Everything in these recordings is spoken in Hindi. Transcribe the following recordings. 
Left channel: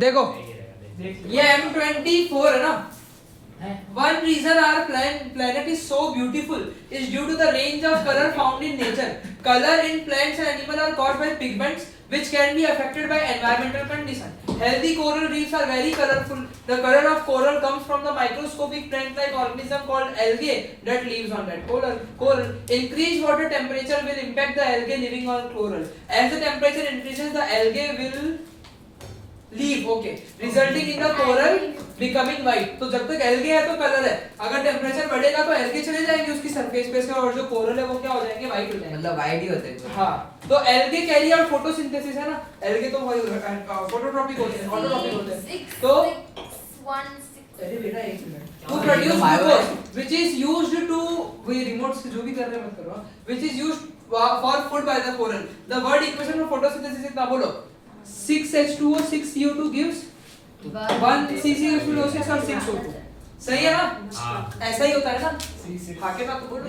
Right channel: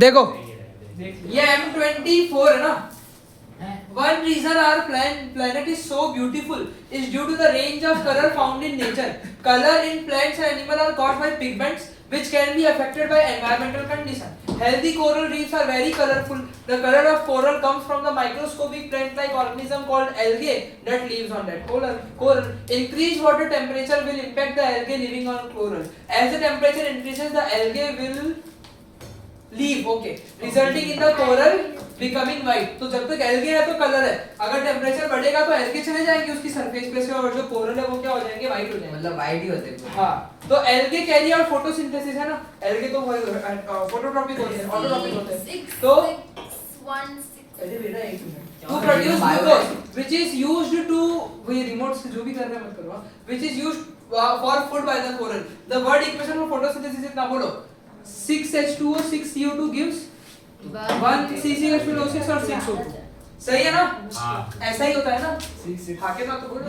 देखो ये M24 है ना. One reason our planet is so beautiful is due to the range of color found in nature. Color in plants and animals are caused by pigments which can be affected by environmental conditions. Healthy coral reefs are very colorful. The color of coral comes from the microscopic plant-like organism called algae that lives on that coral. Increased water temperature will impact the algae living on coral. As the temperature increases, the algae will leave, okay, resulting in the coral becoming white. तो जब तक algae है तो कलर है, अगर टेम्परेचर बढ़ेगा तो algae चले जाएंगे उसकी सरफेस पे से और जो कोरल है वो क्या हो जाएंगे, white हो जाएंगे. मतलब white ही होते हैं. हाँ, तो algae कैरी आउट फोटोसिंथेसिस है ना, algae तो वही फोटोट्रॉपिक होते हैं, ऑटोट्रॉपिक होते हैं. तो अरे बेटा एक minute, to produce glucose which is used to, वही रिमोट से जो भी कर रहे हैं मत करो, which is used for food by the coral. The word equation for photosynthesis इतना बोलो. 6H2O 6CO2 gives 1 CCH2O6 और 6O2. सही है ना? ऐसा ही होता है ना? खाके ना तो बोलो.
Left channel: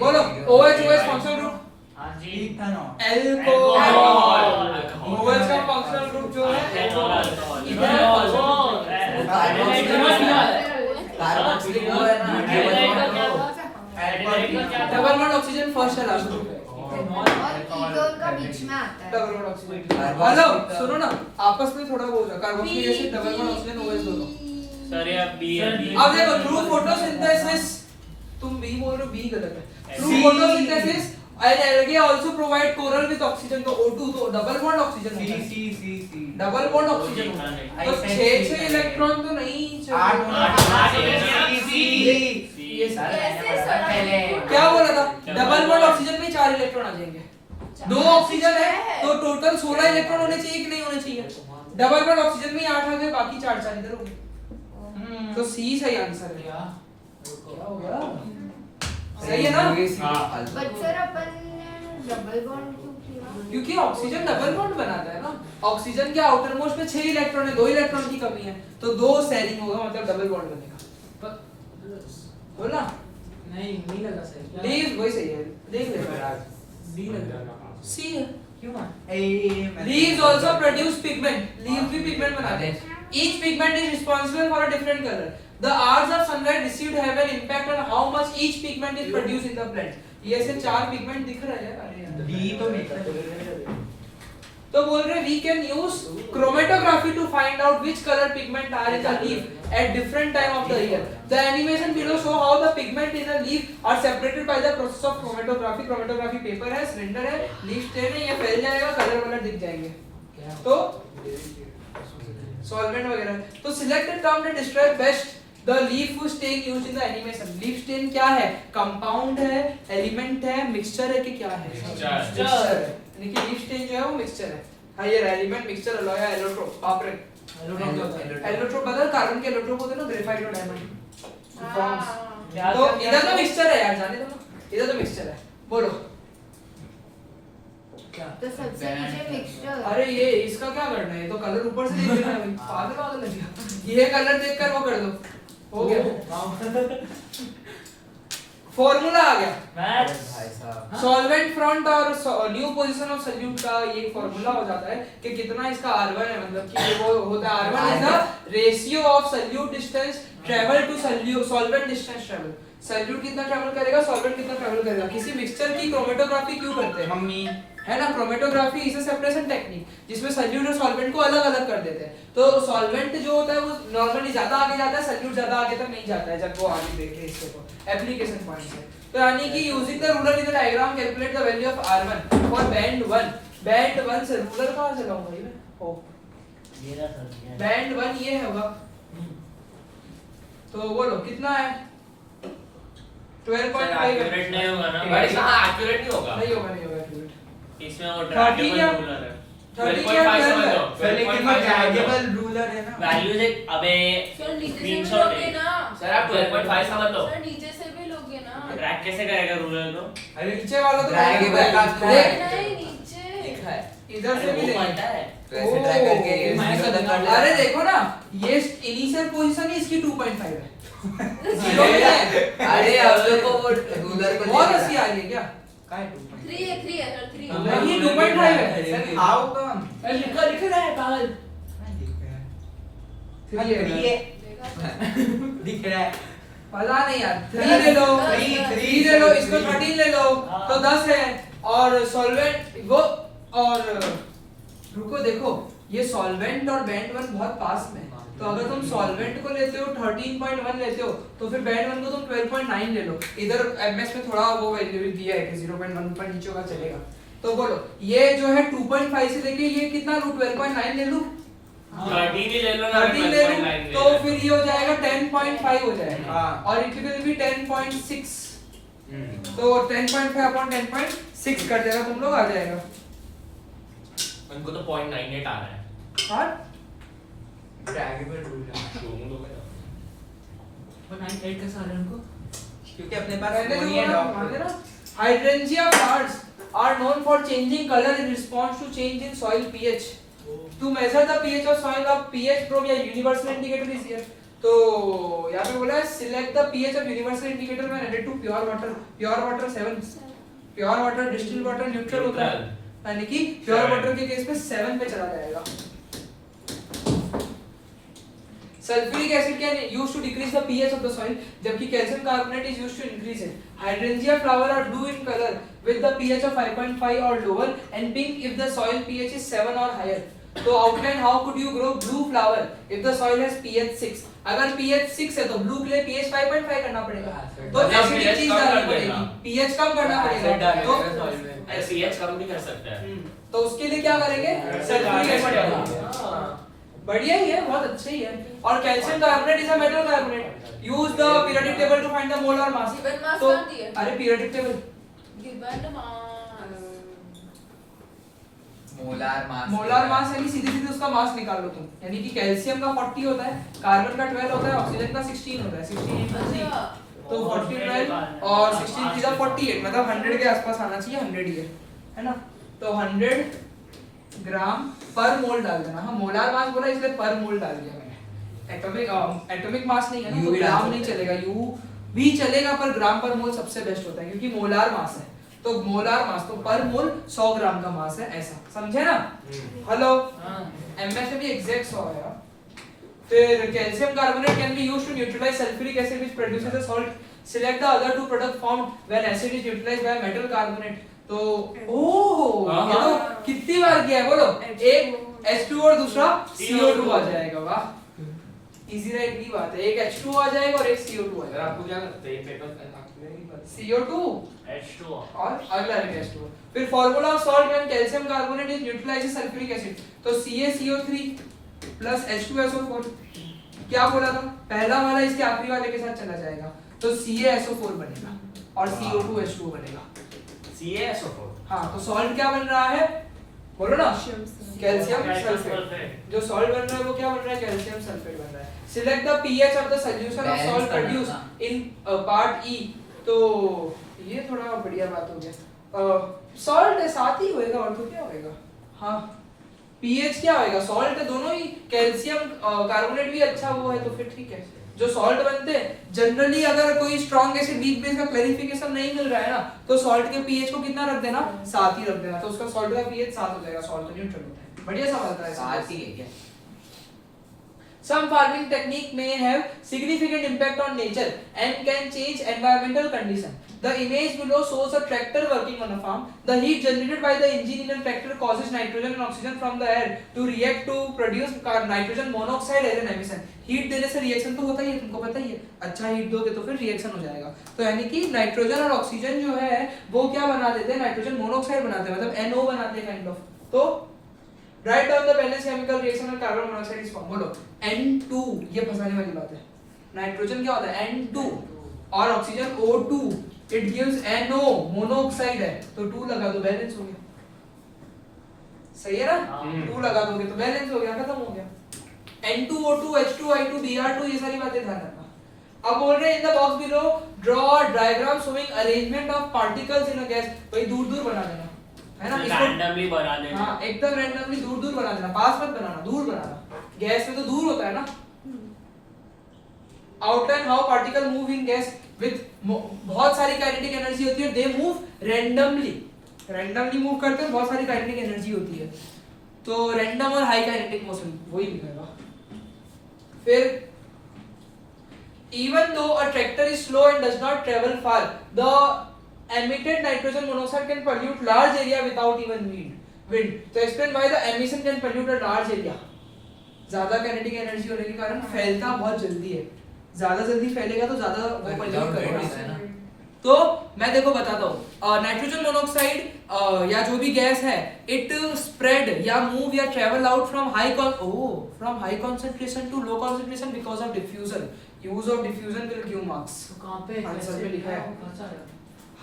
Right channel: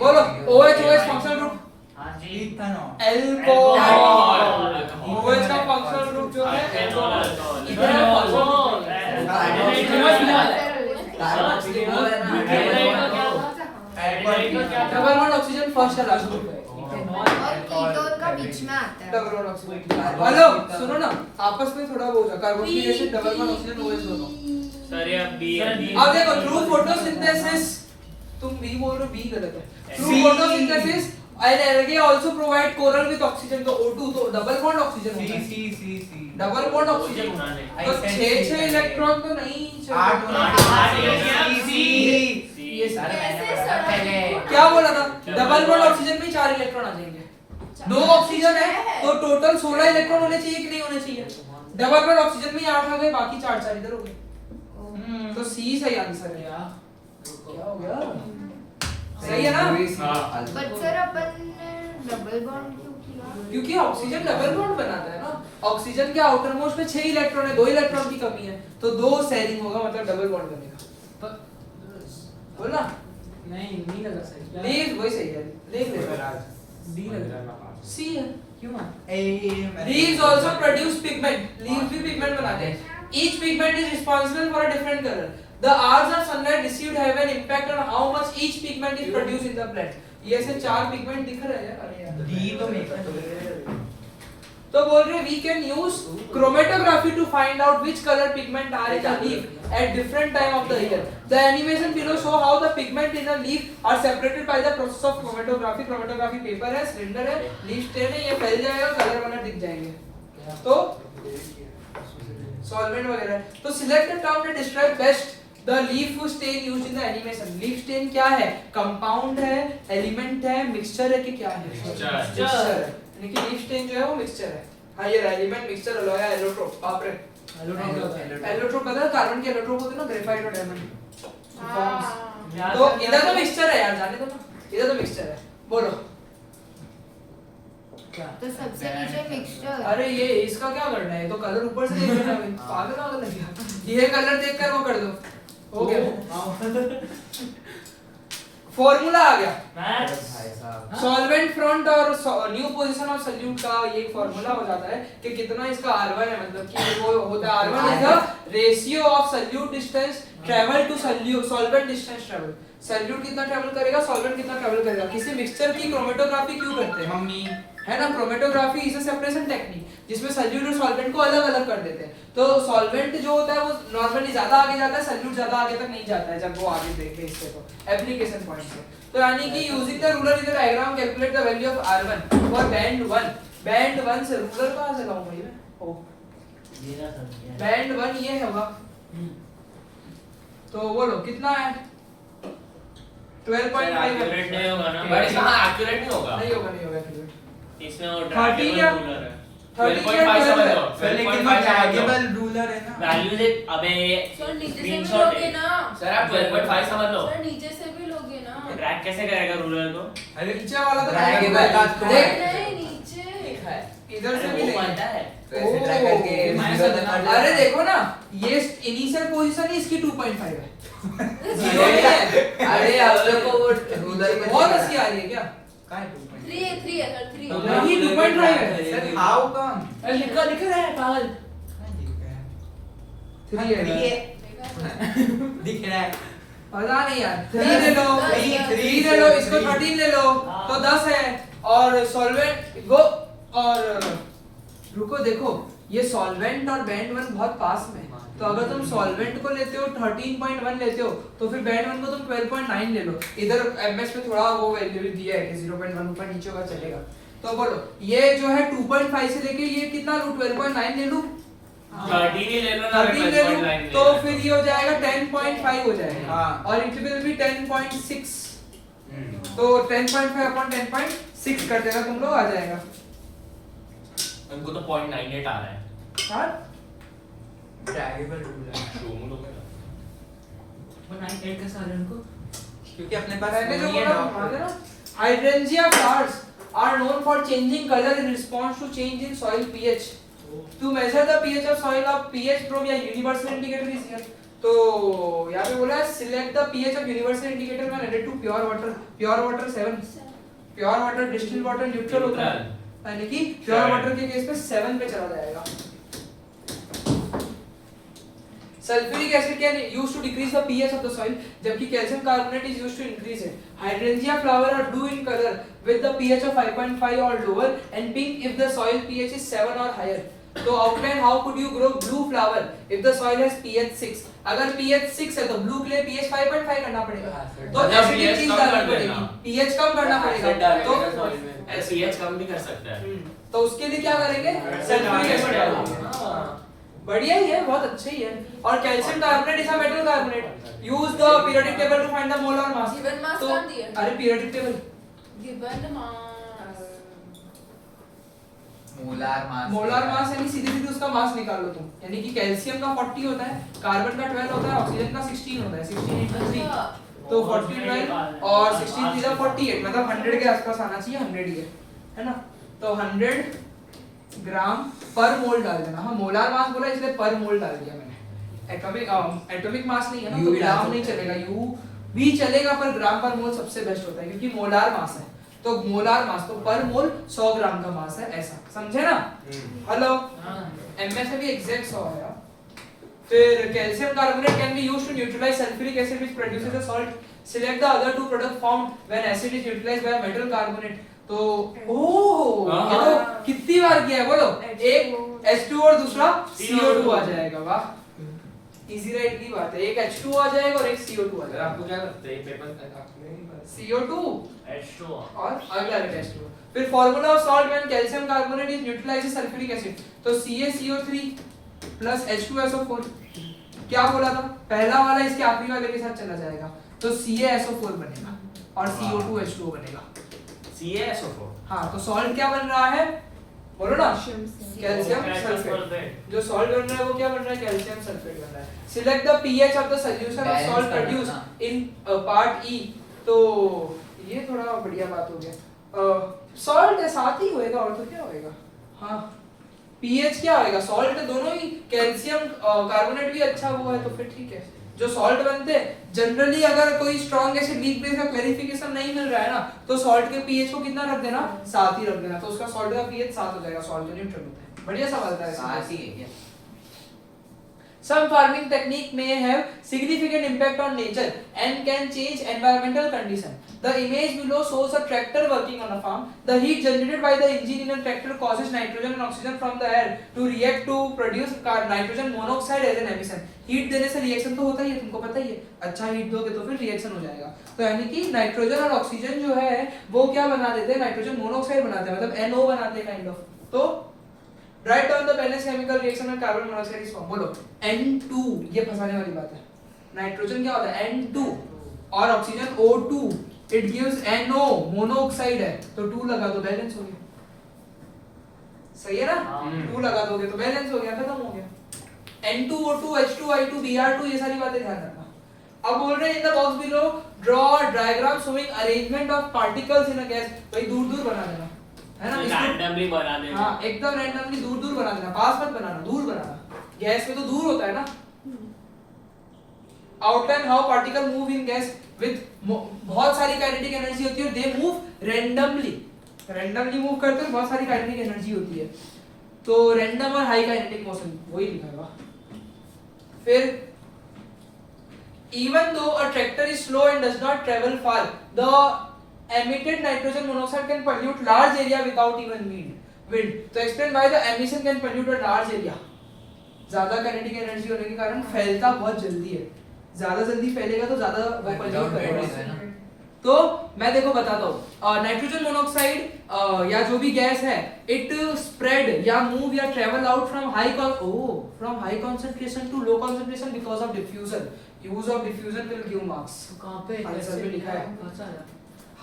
बोलो OH फंक्शनल ग्रुप. हाँ जी. अल्कोहल. OH का फंक्शनल ग्रुप जो है इधर डबल बॉन्ड ऑक्सीजन फर्स्ट है लास्ट में. का बीच में आता है. Double bond oxygen. हेलो सुनो ना, आपस में थोड़ा वो carboxylic acid double bond oxygen OH दोनों. सर ये बी. अब देखो थ्रू फोटोसिंथेसिस, तुम बी बोल रहे हो, बी गलत है. Through photosynthesis and algae also provide coral with oxygen. तो O2 तो डबल बॉन्ड ऑक्सीजन होता है. सी डबल बॉन्ड ऑक्सीजन होता है. तो 6 इलेक्ट्रॉन तो नहीं क्या बोला था, डबल बॉन्ड ऑक्सीजन में 4 इलेक्ट्रॉन आ जाएंगे. 2 ऑक्सीजन है तो टोटल 16 इलेक्ट्रॉन होने चाहिए कि नहीं होने चाहिए. डबल बॉन्ड ऑक्सीजन में 8 आ गए, बाकी 4 इधर हो गए. तो सी सही आंसर है. क्या हो गया, सही है ना? But sir upon double bond क्यों किया? क्योंकि ऑक्सीजन डबल बॉन्ड बनाता है ना. ऑक्सीजन के आउटर मोस्ट पे 6 इलेक्ट्रॉन है, 2 इलेक्ट्रॉन की कमी है, तो 2 शेयरिंग होगा, मतलब डबल बॉन्ड बनेगा. बोला नहीं लगा सही. प्लीज वही सही है, देख ले राज. डी लग रहा है. सी है क्यों? Leaves also produce pigment. Leaves भी पिगमेंट बनाते हैं. Each pigment is responsible for a different color. The hours of sunlight received have an impact on how much each pigment is produced in the plant. ये ऐसे 4 पिगमेंट दिख रहे हैं. अरे यार डी तो नहीं. तो बोल रहे we can use chromatography to find out which color pigment are in a leaf at different time of the year. The animation below show how the pigment in a leaf are separated by the process of chromatography. Chromatography paper है, सिलेंडर है, लीफ स्टेन है, ये फैल जाएगा, कलर वाला दिख जाएंगे. तो सॉल्वेंट वगैरह है. तो select a term that describe best the leaf stain used in the animation. leaf stain क्या है, कंपाउंड है, एलिमेंट है, मिक्सचर है कि क्या है, मिक्सचर है. यानी कि लीफ स्टेन जो है वो मिक्सचर है. हाँ ये एलिमेंट मिक्सचर अलॉय है, एलोट्रोप. बाप रे, एलोट्रोप पता है, कार्बन के एलोट्रोप होते हैं ना, ग्रेफाइट और डायमंड फॉर्म्स. तो इधर तो मिक्सचर है यार, जाने दो ना, इधर तो मिक्सचर है. बोलो तो सबसे नीचे मिक्सचर. अरे ये इसका क्या करना है, तो कलर ऊपर से देख लेना है. पागल लग गया. ये कलर देखकर वो कर दो, हो गया. फॉर्मूला आ गया. सॉल्वेंट फ्रंट और न्यू पोजीशन ऑफ सॉल्यूट का ये फॉर्मूला हो जाता है कि कितना इसका R1 है, मतलब कि वो होता है R1 is the ratio of solute distance travel to solvent distance travel. Solute कितना ट्रैवल करेगा, सॉल्वेंट कितना ट्रैवल करेगा. किसी मिक्सचर की क्रोमेटोग्राफी क्यों करते हैं मम्मी है ना. Chromatography is a separation technique जिसमें सॉल्यूट और सॉल्वेंट को अलग अलग कर देते हैं. तो सॉल्वेंट जो होता है वो नॉर्मली ज्यादा आगे जाता है, सॉल्यूट ज्यादा आगे तक नहीं जाता है जब वो आगे देखे इससे. तो एप्लीकेशन पॉइंट है. तो यानी कि using the ruler in the diagram calculate the value of R1 for band 1. Band 1 से रूलर कहां से लाऊं भाई मैं, हो बैंड 1 ये होगा. तो बोलो कितना है, 12.5. एक्यूरेट नहीं होगा ना बट इसमें एक्यूरेट नहीं होगा. नहीं होगा एक्यूरेट. इसमें वो 30 या रूलर है. 30 या 12 है. ड्रैगेबल रूलर है ना. वैल्यूज एक अबे सर नीचे से भी स्क्रीनशॉट लोगे ना. सर आप 12.5 समझ लो. सर नीचे से भी लोगे ना. ट्रैक कैसे करेगा रूलर को. अरे नीचे वाला तो ड्रैगेबल का देख, नहीं नीचे. लिखा है इधर से भी वो लेंगे. पता है. वैसे ट्रैक करके अरे देखो ना, ये इनिशियल पोजीशन ही इसकी 2.5 है. जीरो नहीं है. अरे अब लोग को वो रूलर के बहुत हंसी आ रही है क्या. काय 2.5? 3 है 3 है सर 3 अब है ये 2.5 है सर हाउ कम? लिख रहा है पागल। दिख रहा है। 3 है दिख रहा है। पता नहीं यार 3 ले लो 3 ले लो इसको 13 ले लो तो 10 है और सॉल्वेंट वो और रुको देखो ये सॉल्वेंट और बैंड 1 बहुत पास में है तो अगर तुम सॉल्वेंट को लेते हो 13.1 लेते हो तो फिर बैंड 1 को तुम 12.9 ले लो इधर एमएस में थोड़ा वो वैल्यू भी दिया है कि 0.1 ऊपर नीचे का चलेगा तो बोलो ये जो है 2.5 से लेके ये कितना लूं 12.9 ले लूं 13 ही ले लो ना 13 ले लूं तो फिर ये हो जाएगा 10.5 हो जाएगा हाँ। और इट विल बी 10.6 तो 10.5 अपॉन 10.6 कर देगा तुम लोग आ जाएगा उनको तो 0.98 आ रहा है। हाँ ड्रैगेबल रूल है शोरूम तो क्या? 9.8 का साल है उनको क्योंकि अपने पास पहले जो नहीं है बोला डॉक्टर। था ना hydrangea flowers are known for changing color in response to change in soil pH to measure the pH of soil of pH probe या universal indicator is here तो यहाँ पे बोला है select the pH of universal indicator when added to pure water 7 pure water distilled water neutral होता है यानी कि प्योर वाटर के केस में 7 पे चला जाएगा sulphuric acid can used to decrease the pH of the soil जबकि calcium carbonate is used to increase it hydrangea flower are blue in colour with the pH of 5.5 और lower and pink if the soil pH is 7 और हायर तो outline how could you grow blue flower if the soil has pH 6 अगर पीएच 6 है तो ब्लू के लिए पीएच 5.5 करना पड़ेगा तो एसिडिक चीज डालनी पड़ेगी पीएच कम करना पड़ेगा तो पीएच कम भी कर सकता है। तो उसके लिए क्या करेंगे सल्फ्यूरिक एसिड डालेंगे बढ़िया ही है बहुत अच्छा ही है और calcium carbonate is a metal carbonate use the periodic table to find the molar mass Given mass तो कौन दिया? अरे periodic table given the mass molar mass यानी सीधे सीधे उसका मास निकाल लो तुम यानी कि कैल्शियम का 40 होता है कार्बन का 12 होता है ऑक्सीजन का 16 होता है 16 into 3 तो 40 12 और 16 3 48 मतलब 100 के आसपास आना चाहिए 100 ही है ना तो 100 ग्राम पर मोल डाल देना हाँ मोलार मास बोला इसलिए पर मोल डाल दिया मैंने एटॉमिक मास नहीं है ना U तो भी डाल ग्राम सकते नहीं हैं। चलेगा यू भी चलेगा पर ग्राम पर मोल सबसे बेस्ट होता है क्योंकि मोलार मास है तो मोलार मास तो पर मोल 100 ग्राम का मास है ऐसा समझे ना हेलो एमएस में भी एग्जैक्ट 100 है फिर calcium carbonate can be used to neutralise sulphuric acid which produces the salt select the other two product formed when acid is neutralised by metal carbonate तो ओह ये तो कितनी बार किया है बोलो एक H2 और दूसरा CO2 आ जाएगा वाह इजी राइट की बात है एक H2 आ जाएगा और एक CO2 आ सर जाएगा आपको क्या लगता है ये पेपर आपको नहीं पता? CO2 H2O और अगला है H2 फिर formula of salt when calcium carbonate is neutralised sulphuric acid तो CaCO3 प्लस H2SO4 क्या बोला था पहला वाला इसके आखिरी वाले के साथ चला जाएगा तो CaSO4 बनेगा और CO2H2O बनेगा CaSO4 हाँ तो सॉल्ट क्या बन रहा है बोलो ना कैल्शियम सल्फेट जो सॉल्ट बन रहा है वो क्या बन रहा है कैल्शियम सल्फेट बन रहा है select the pH of the solution of Balance salt करना, प्रोड्यूस हाँ। इन पार्ट ई तो ये थोड़ा बढ़िया बात हो गया सॉल्ट साथ ही होएगा और तो क्या होएगा हाँ पीएच क्या होएगा सॉल्ट दोनों ही कैल्शियम कार्बोनेट भी अच्छा हुआ है तो फिर ठीक है जो सॉल्ट बनते हैं जनरली अगर कोई स्ट्रॉन्ग एसिड वीक बेस का क्लैरिफिकेशन नहीं मिल रहा है ना तो सॉल्ट के पीएच को कितना रख देना 7 ही रख देना तो उसका सॉल्ट का पीएच 7 हो जाएगा सॉल्ट न्यूट्रल होता है बढ़िया सवाल था साथ ही है क्या? Some farming technique may have significant impact on nature and can change environmental condition. The image below shows a tractor working on a farm. The heat generated by the engine in a tractor causes nitrogen and oxygen from the air to react to produce nitrogen monoxide as an emission. Heat देने से रिएक्शन तो होता ही है तुमको पता ही है अच्छा हीट दोगे तो फिर रिएक्शन हो जाएगा तो यानी कि नाइट्रोजन और ऑक्सीजन जो है वो क्या बना देते हैं नाइट्रोजन मोनोऑक्साइड बनाते हैं मतलब NO बनाते हैं काइंड ऑफ तो write down the balance chemical reaction of carbon monoxide is form बोलो N2 ये फंसाने वाली बात है नाइट्रोजन क्या होता है N2 और oxygen O2 it gives NO monoxide है तो 2 लगा दो बैलेंस हो गया सही है ना 2 लगा दोगे तो बैलेंस हो गया खत्म हो गया N2O2 H2 I2 Br2 ये सारी बातें ध्यान रखना अब बोल रहे हैं in the box below draw diagram showing arrangement of particles in a gas भाई दूर-दूर बना देना है ना इसको रैंडमली बना देना हाँ एकदम रैंडमली दूर-दूर बना देना पास मत बनाना दूर बनाना गैस में तो दूर होता है ना outline how particle move in gas with बहुत सारी काइनेटिक एनर्जी होती है, दे मूव रैंडमली मूव करते हैं, बहुत सारी काइनेटिक एनर्जी होती है, तो रैंडम और हाई काइनेटिक मोशन वही लिखा हुआ। फिर even though a tractor is slow and does not travel far, the emitted nitrogen monoxide can pollute large area without even wind. तो explain why the emission can pollute a large area. ज्यादा काइनेटिक एनर्जी होने के कारण फैलता बहुत जल्दी है, ज्यादा जल्दी फैलेगा तो ज्यादा वो pollute करेगा। तो मैं देखो बताता हूँ, नाइट्रोजन मोनोऑक्साइड या जो भी गैस है, इट स्प्रेड या मूव या travel out from high concentration to low concentration because of diffusion. Use of diffusion will give marks. कहां पे आंसर में लिखा है। कैसा है?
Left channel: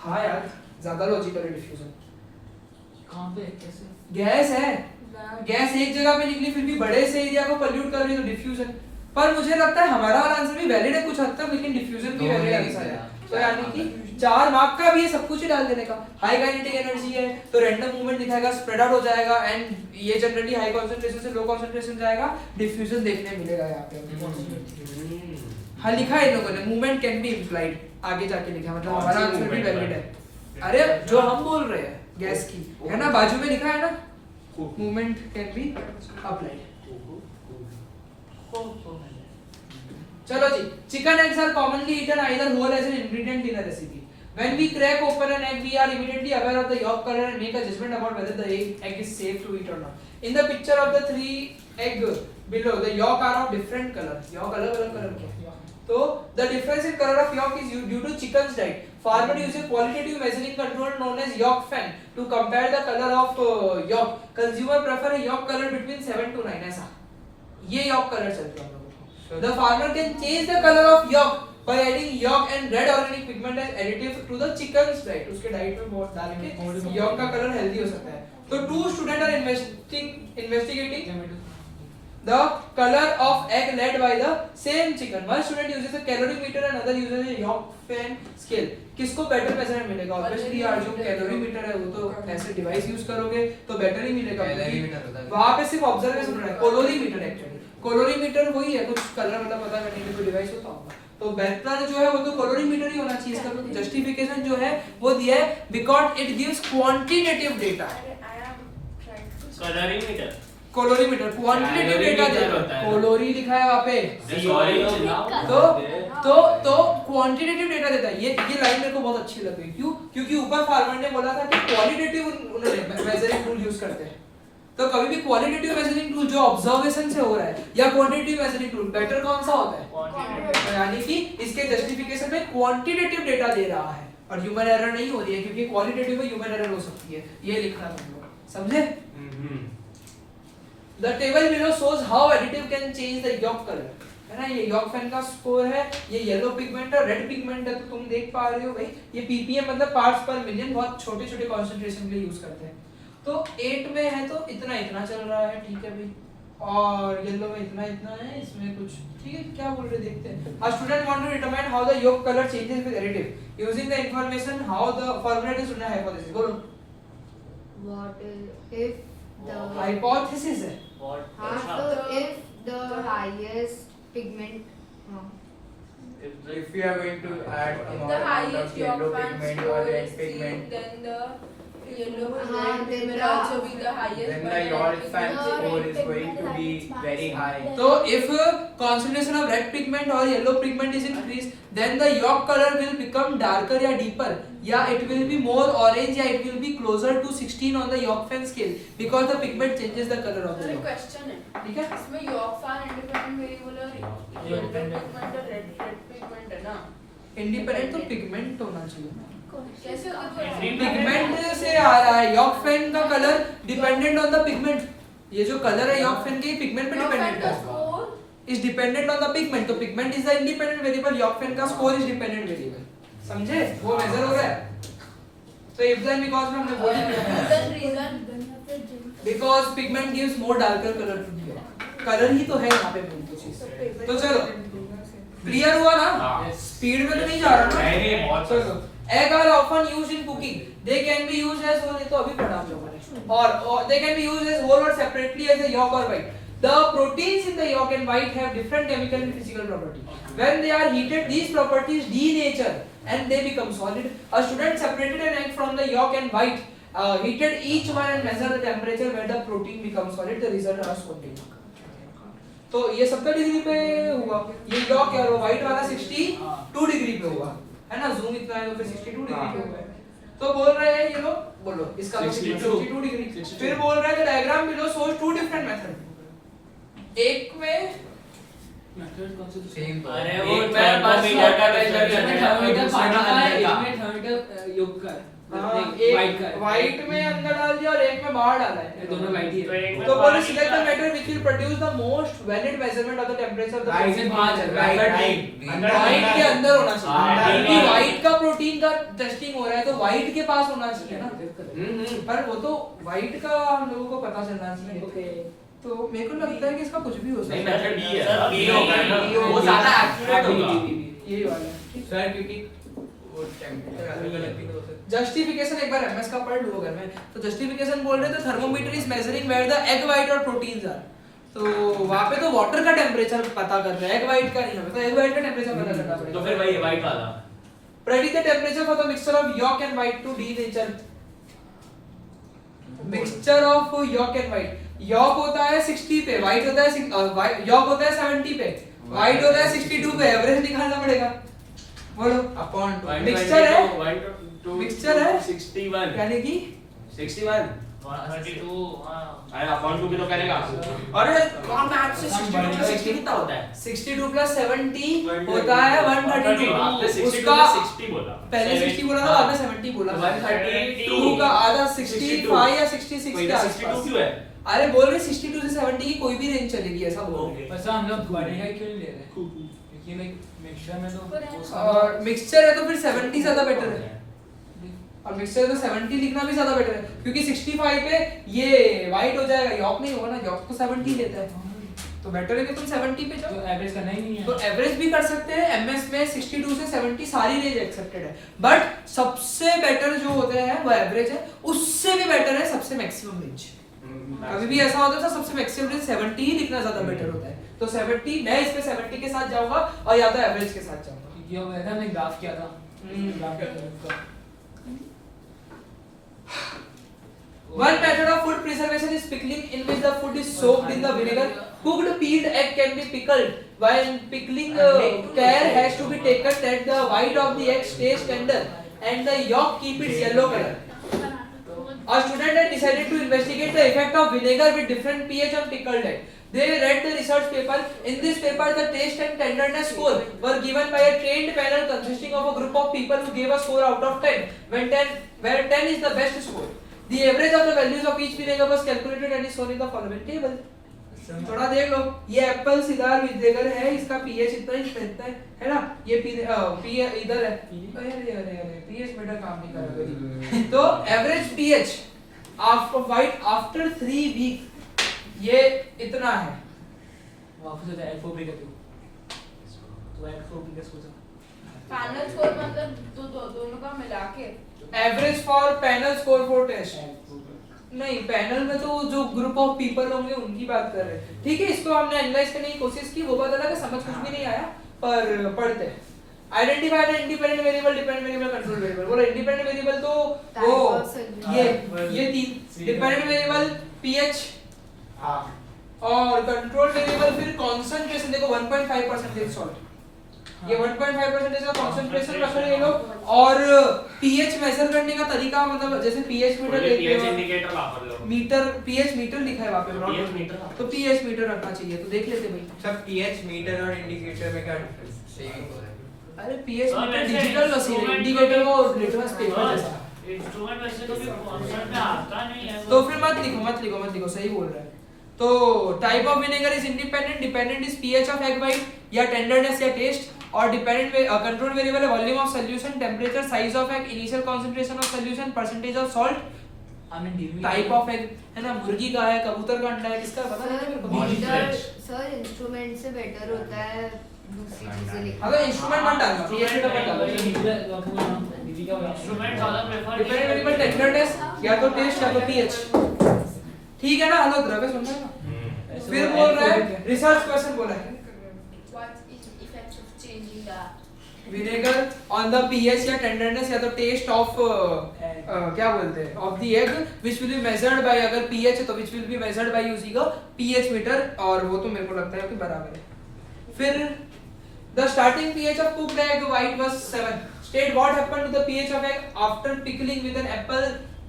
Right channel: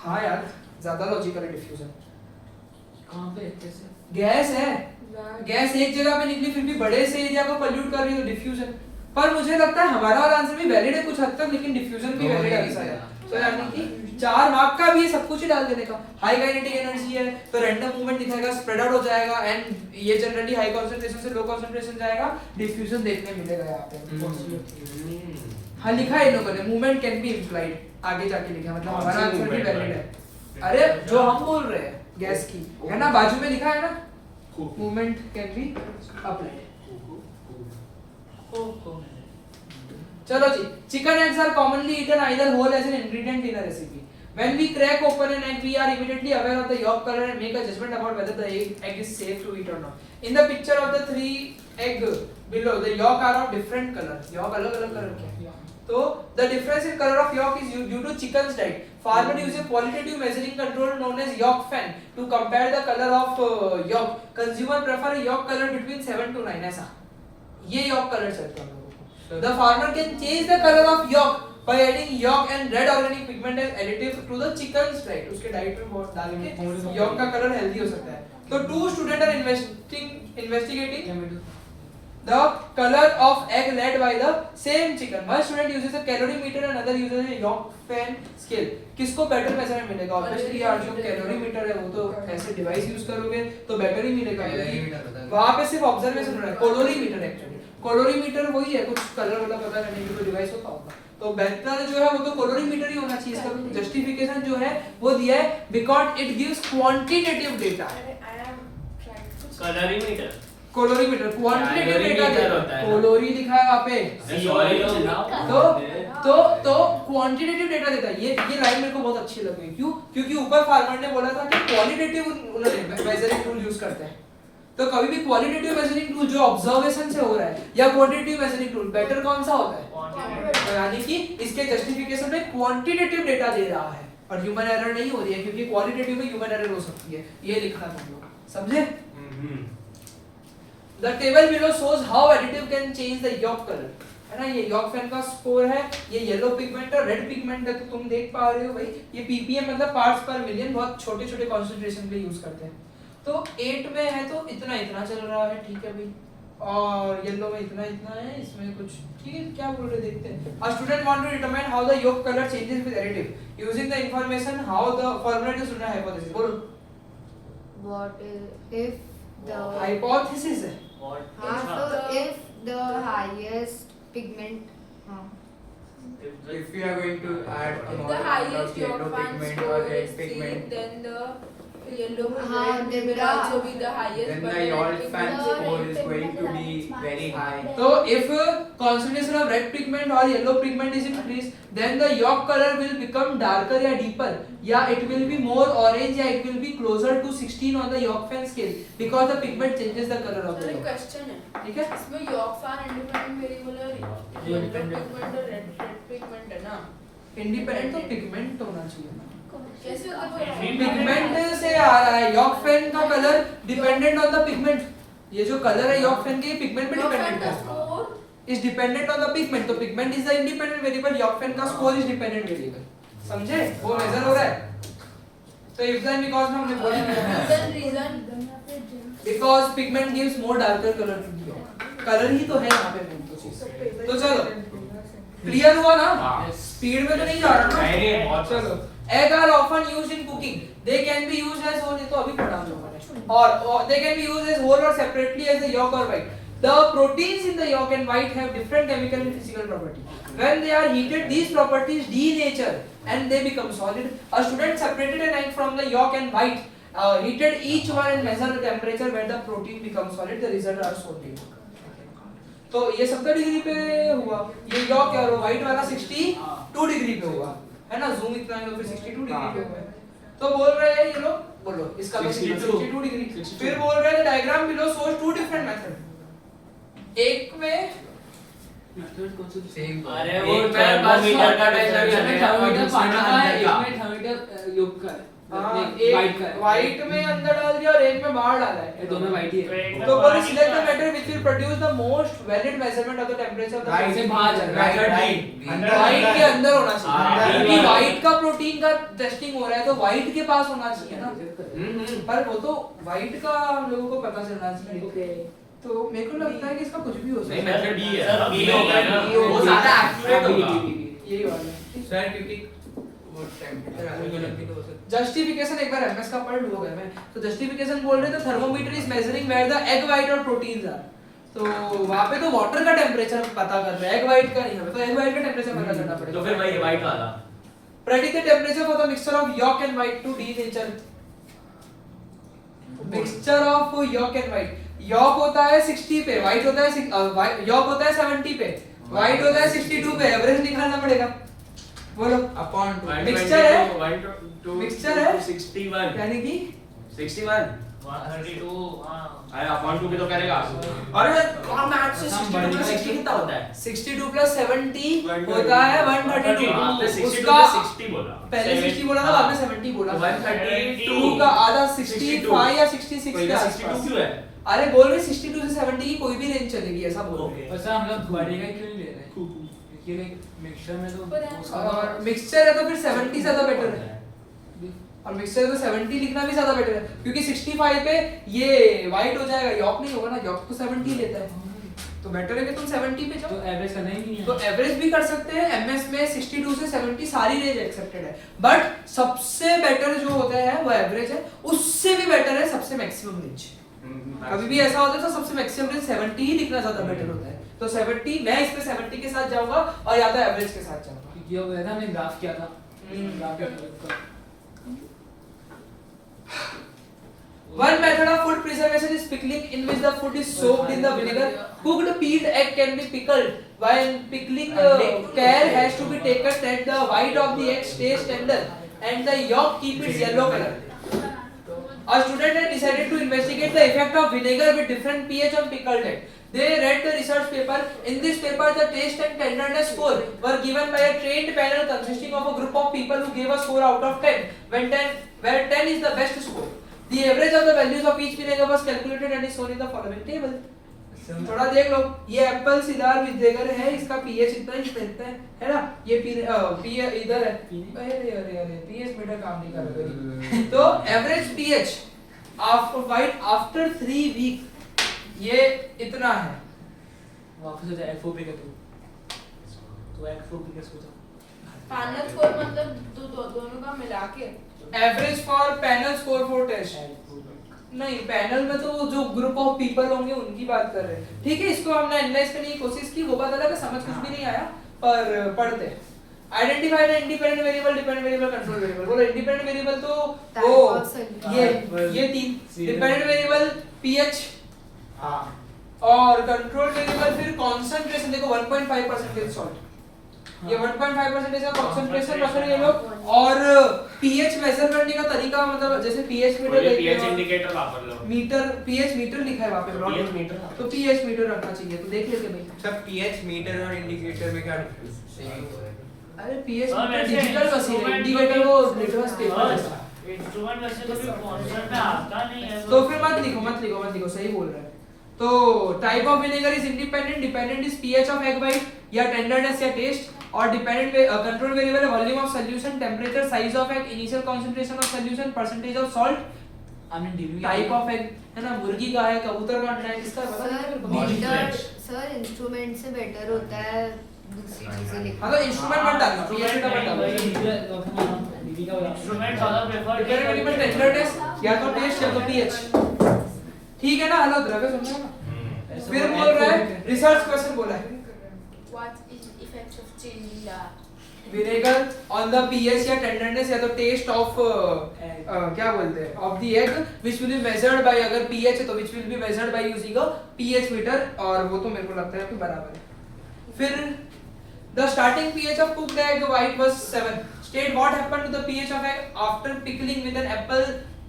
हाँ यार, ज्यादा लॉजिकल है डिफ्यूजन। कहां पे कैसे? गैस है, गैस एक जगह पे निकली फिर भी बड़े से एरिया को पोल्यूट कर रही है, डिफ्यूजन। पर मुझे लगता है हमारा वाला आंसर भी वैलिड है कुछ हद तक, लेकिन डिफ्यूजन भी वैलिड आंसर है। तो यानी कि 4 मार्क का भी है, सब कुछ ही डाल देने का। हाई काइनेटिक एनर्जी है तो रैंडम मूवमेंट दिखाएगा, स्प्रेड आउट हो जाएगा, एंड ये जनरली हाई कंसंट्रेशन से लो कंसंट्रेशन जाएगा, डिफ्यूजन देखने मिलेगा यहाँ पे। हाँ लिखा है इन लोगों ने, मूवमेंट कैन बी इंप्लाइड, आगे जाके लिखा है, मतलब हमारा आंसर भी वैलिड है। अरे जो हम बोल रहे हैं गैस की है ना, बाजू में लिखा है ना, मूवमेंट कैन बी अप्लाइड। चलो जी, chicken eggs are commonly eaten either whole as an ingredient in a recipe. When we crack open an egg, we are immediately aware of the yolk color and make a judgment about whether the egg is safe to eat or not. In the picture of the 3 egg below, the yolk are of different color. Yolk अलग-अलग color के हैं। तो the difference in color of yolk is due to chicken's diet. Farmer uses qualitative measuring control known as yolk fan to compare the color of yolk. Consumer prefer a yolk color between 7 to 9 ऐसा। ये yolk color चलते हैं। The farmer can change the color of yolk by adding yolk and red organic pigment as additive to the chicken's diet. उसके डाइट में बहुत डाल के yolk का कलर हेल्दी हो सकता है। तो 2 students are investigating the color of egg laid by the same chicken. One student uses a calorimeter and another uses a yolk fan scale. किसको बेटर मेजरमेंट मिलेगा? ऑब्वियसली यार जो कैलोरीमीटर है वो तो ऐसे डिवाइस यूज करोगे तो बेटर ही मिलेगा। वहाँ पे सिर्फ ऑब्जर्वेशन हो रहा है, कोलोरीमीटर एक्चुअली कोलोरीमीटर वही है, कुछ कलर मतलब पता नहीं, कोई डिवाइस होता होगा। तो बेहतर जो है वो तो कोलोरीमीटर ही होना चाहिए। इसका जस्टिफिकेशन जो है वो दिया है because it gives quantitative data. Colorimeter, colorimeter quantitative data देता है, कोलोरी लिखा है वहाँ पे। तो क्वांटिटेटिव डेटा देता है। ये लाइन मेरे को बहुत अच्छी लग गई। क्यों? क्योंकि ऊपर फार्मर ने बोला था कि क्वालिटेटिव उन्होंने मेजरिंग टूल यूज करते हैं। तो कभी भी क्वालिटेटिव मेजरिंग टूल जो ऑब्जर्वेशन से हो रहा है या क्वांटिटेटिव मेजरिंग टूल, बेटर कौन सा होता है? तो यानी कि इसके जस्टिफिकेशन में क्वांटिटेटिव डेटा दे रहा है और ह्यूमन एरर नहीं हो रही है, क्योंकि क्वालिटेटिव में ह्यूमन एरर हो सकती है। ये लिखना है हम लोग, समझे? The table below shows how additive can change the yolk color. है ना, ये yolk fan का स्कोर है, ये येलो पिगमेंट और रेड पिगमेंट है, तो तुम देख पा रहे हो भाई, ये ppm मतलब पार्ट्स पर मिलियन, बहुत छोटे-छोटे कंसंट्रेशन के लिए यूज करते हैं। तो 8 में है तो इतना चल रहा है, ठीक है भाई, और येलो में इतना है, इसमें कुछ ठीक है। क्या बोल रहे देखते हैं। A student want to determine how the yolk color changes with additive using the information how the formula to student hypothesis. बोलो। What if the हाइपोथेसिस है। so if the highest pigment If we are going to add more The amount highest of yellow yolk fan pigment or score red is pigment, then the yellow then will the- also be the highest. then but the yolk if fan the score red is going to be very high. तो if concentration of red pigment or yellow pigment is increased, then the yolk color will become darker या deeper, या it will be more orange, या it will be closer to 16 on the yolk fan scale because the pigment changes the color of the मेरा yolk. क्वेश्चन है, ठीक है? इसमें yolk fan independent variable और yellow pigment और red pigment है ना? इंडिपेंडेंट तो पिगमेंट होना चाहिए ना। कैसे होगा? पिगमेंट से आ रहा है, यॉर्क फेन का colour dependent on the pigment. ये जो कलर है यॉर्क फेन के, ये पिगमेंट पे डिपेंडेंट है, is dependent on the pigment. तो pigment is the independent variable, yolk fan का स्कोर इज डिपेंडेंट वेरिएबल। समझे? वो मेजर हो रहा है। तो इफ देन बिकॉज़ में हमने बोल दिया reason because pigment gives more darker colour to the yolk. Colour ही तो है यहाँ पे मेन तो चीज। तो चलो क्लियर हुआ ना? स्पीड में तो नहीं जा रहा ना? चलो, egg are often used in cooking. They can be used as whole, ये तो अभी पढ़ा हम लोगों ने, और they can be used as whole or separately as a yolk or white. The proteins in the yolk and white have different chemical and physical properties. When they are heated, these properties denature and they become solid. A student separated an egg from the yolk and white, heated each one and measured the temperature where the protein becomes solid. The results are shown below. तो ये 70 डिग्री पे हुआ, ये यॉर्क और व्हाइट वाला 62 डिग्री पे हुआ, है ना? जूम इतना है तो फिर 62 डिग्री पे हुआ है। तो बोल रहे हैं ये लोग, बोलो इसका 62 डिग्री। फिर बोल रहे हैं diagram below shows two different method. एक में मेथड कौन सा? सेम अरे वो थर्मोमीटर का थर्मोमीटर पानी का है, एक में थर्मोमीटर योग का है, एक व्हाइट में अंदर डाल दिया और एक में बाहर डाला है, ये दोनों वाइट ही है। तो बोलो select the method which will produce the most valid measurement of the temperature of the Right से बाहर चल रहा है, व्हाइट के अंदर होना चाहिए, हाँ, क्योंकि व्हाइट का प्रोटीन का टेस्टिंग हो रहा है तो व्हाइट के पास होना चाहिए ना। पर वो तो व्हाइट का हम लोगों को पता चलना चाहिए। तो मेरे को लगता है कि इसका कुछ भी हो सकता नहीं है। मेथड डी है, सर, बी होगा ना, वो ज्यादा एक्यूरेट होगा। यही वाला है। सर क्योंकि वो टेंपरेचर अलग भी तो हो सकता जस्टिफिकेशन एक बार एमएस का पढ़ लो घर में। तो जस्टिफिकेशन बोल रहे थे thermometer is measuring where the egg white और प्रोटीन्स आर। तो वहां पे तो वाटर का टेंपरेचर पता कर रहा है, एग व्हाइट का नहीं है। तो एग व्हाइट का टेंपरेचर पता करना पड़ेगा। तो फिर वही व्हाइट वाला predict the temperature for the mixture of yolk and white to denature. Mixture of yolk and white, yolk होता है 60 पे, व्हाइट होता है यॉर्क होता है 70 पे, व्हाइट होता है 62 पे। एवरेज निकालना पड़ेगा, बोलो। अपॉन मिक्सचर है, मिक्सचर है 61 यानी कि 61 132 हां अरे अपॉन 2 भी तो करेगा। अरे कौन मैथ से 62 plus 60 कितना होता है? 62 plus 70 होता है 132। आपने 60 उसका plus 60 बोला, पहले 60 बोला था, बाद में 70 बोला। 132 का आधा 65 या 66 के आसपास। 62 क्यों है? अरे बोल रहे 62 से 70 की कोई भी रेंज चलेगी, ऐसा बोल रहे हैं। बस हम लोग बढ़ेगा क्यों नहीं ले रहे? क्योंकि लाइक मिक्सचर में तो और मिक्सचर है तो फिर 70 ज्यादा बेटर है, और मिक्सचर में 70 लिखना भी ज्यादा बेटर है, क्योंकि 65 पे ये व्हाइट हो जाएगा, यॉर्क नहीं होगा ना, यॉर्क तो 70 लेता है। तो बेटर है कि तुम 70 पे तो जाओ। एवरेज करना ही नहीं है। तो एवरेज भी कर सकते हैं। एमएस में 62 से 70 सारी रेंज एक्सेप्टेड है, बट सबसे बेटर जो होता है वो एवरेज है, उससे भी बेटर है सबसे मैक्सिमम रेंज। कभी भी ऐसा होता है तो सबसे मैक्सिमम रेंज 70 ही लिखना ज्यादा बेटर होता है। तो 70 मैं इस पे 70 के साथ जाऊंगा और या तो एवरेज के साथ जाऊंगा। क्योंकि अब है ना हमने ग्राफ किया था, ग्राफ किया था। One method of food preservation is pickling, in which the food is soaked in the vinegar. Cooked peeled egg can be pickled. While pickling, care has to be taken that the white of the egg stays tender and the yolk keep its yellow color. A student had decided to investigate the effect of vinegar with different pH on pickled egg. They read the research paper. In this paper, the taste and tenderness score were given by a trained panel consisting of a group of people who gave a score out of 10, where 10 is the best score. The average of the values of each vinegar was calculated and is shown in the following table. थोड़ा देख लो, ये एप्पल सिदार विनेगर है, इसका पीएच इतना ही रहता है ना? ये पीएच इधर है, अरे पीएच मीटर काम नहीं कर रहा। तो average pH after white after 3 week ये इतना है। वापस होता है L4 पे करते तो L4 पे कैसे होता पैनल स्कोर मतलब दोनों का मिला के average for panel score for test. नहीं, पैनल में तो जो ग्रुप ऑफ पीपल होंगे उनकी बात कर रहे हैं। ठीक है, इसको हमने एनालाइज करने की कोशिश की, वो बात अलग है, समझ कुछ भी नहीं आया, पर पढ़ते हैं। Identify the independent variable, dependent variable, control variable. बोलो इंडिपेंडेंट वेरिएबल तो वो ये 3 डिपेंडेंट वेरिएबल पीएच, हां, और कंट्रोल वेरिएबल फिर कंसंट्रेशन। देखो 1.5% सॉल्ट, ये 1.5% का कंसंट्रेशन रख रहे हैं ये लोग। और पीएच मेजर करने का तरीका, मतलब जैसे पीएच मीटर, पीएच इंडिकेटर वापर लो। मीटर, पीएच मीटर लिखा है वहां पे, पीएच मीटर, तो पीएच मीटर रखना चाहिए। तो देख लेते भाई, सब पीएच मीटर और इंडिकेटर में क्या डिफरेंस है? अरे पीएच मीटर डिजिटल मशीन है, इंडिकेटर वो लिटमस पेपर है। इंस्ट्रूमेंट वैसे कभी कॉन्सेप्ट में आता नहीं है, तो फिर मत लिखो, सही बोल रहा है। तो type of vinegar is independent, dependent is pH of egg white या टेंडरनेस या टेस्ट, और डिपेंडेंट कंट्रोल वेरिएबल है volume of solution, temperature, size of egg, initial concentration of solution, percentage of salt. हमने डीवी टाइप ऑफ एग है ना, मुर्गी का है, कबूतर का अंडा है, किसका पता नहीं मेरे को। सर इंस्ट्रूमेंट से बेटर होता है दूसरी चीजें लिखना। अगर इंस्ट्रूमेंट मत डालना, पीएच मीटर मत डालना। डीवी का इंस्ट्रूमेंट ज्यादा प्रेफर डिपेंडेंट वेरिएबल टेंडरनेस या तो टेस्ट या तो पीएच। ठीक है ना? हेलो द्रव्य सुन रहे हो ना? फिर बोल रहा है रिसर्च क्वेश्चन बोला है What is the effect of changing the vinegar on the pH या टेंडरनेस या तो टेस्ट ऑफ क्या बोलते हैं of the egg which will be measured by, अगर पीएच है तो which will be measured by using a pH meter, और वो तो मेरे को लगता है कि बराबर है। फिर the starting pH of cooked egg white was 7, state what happened to the pH of egg after pickling with an apple,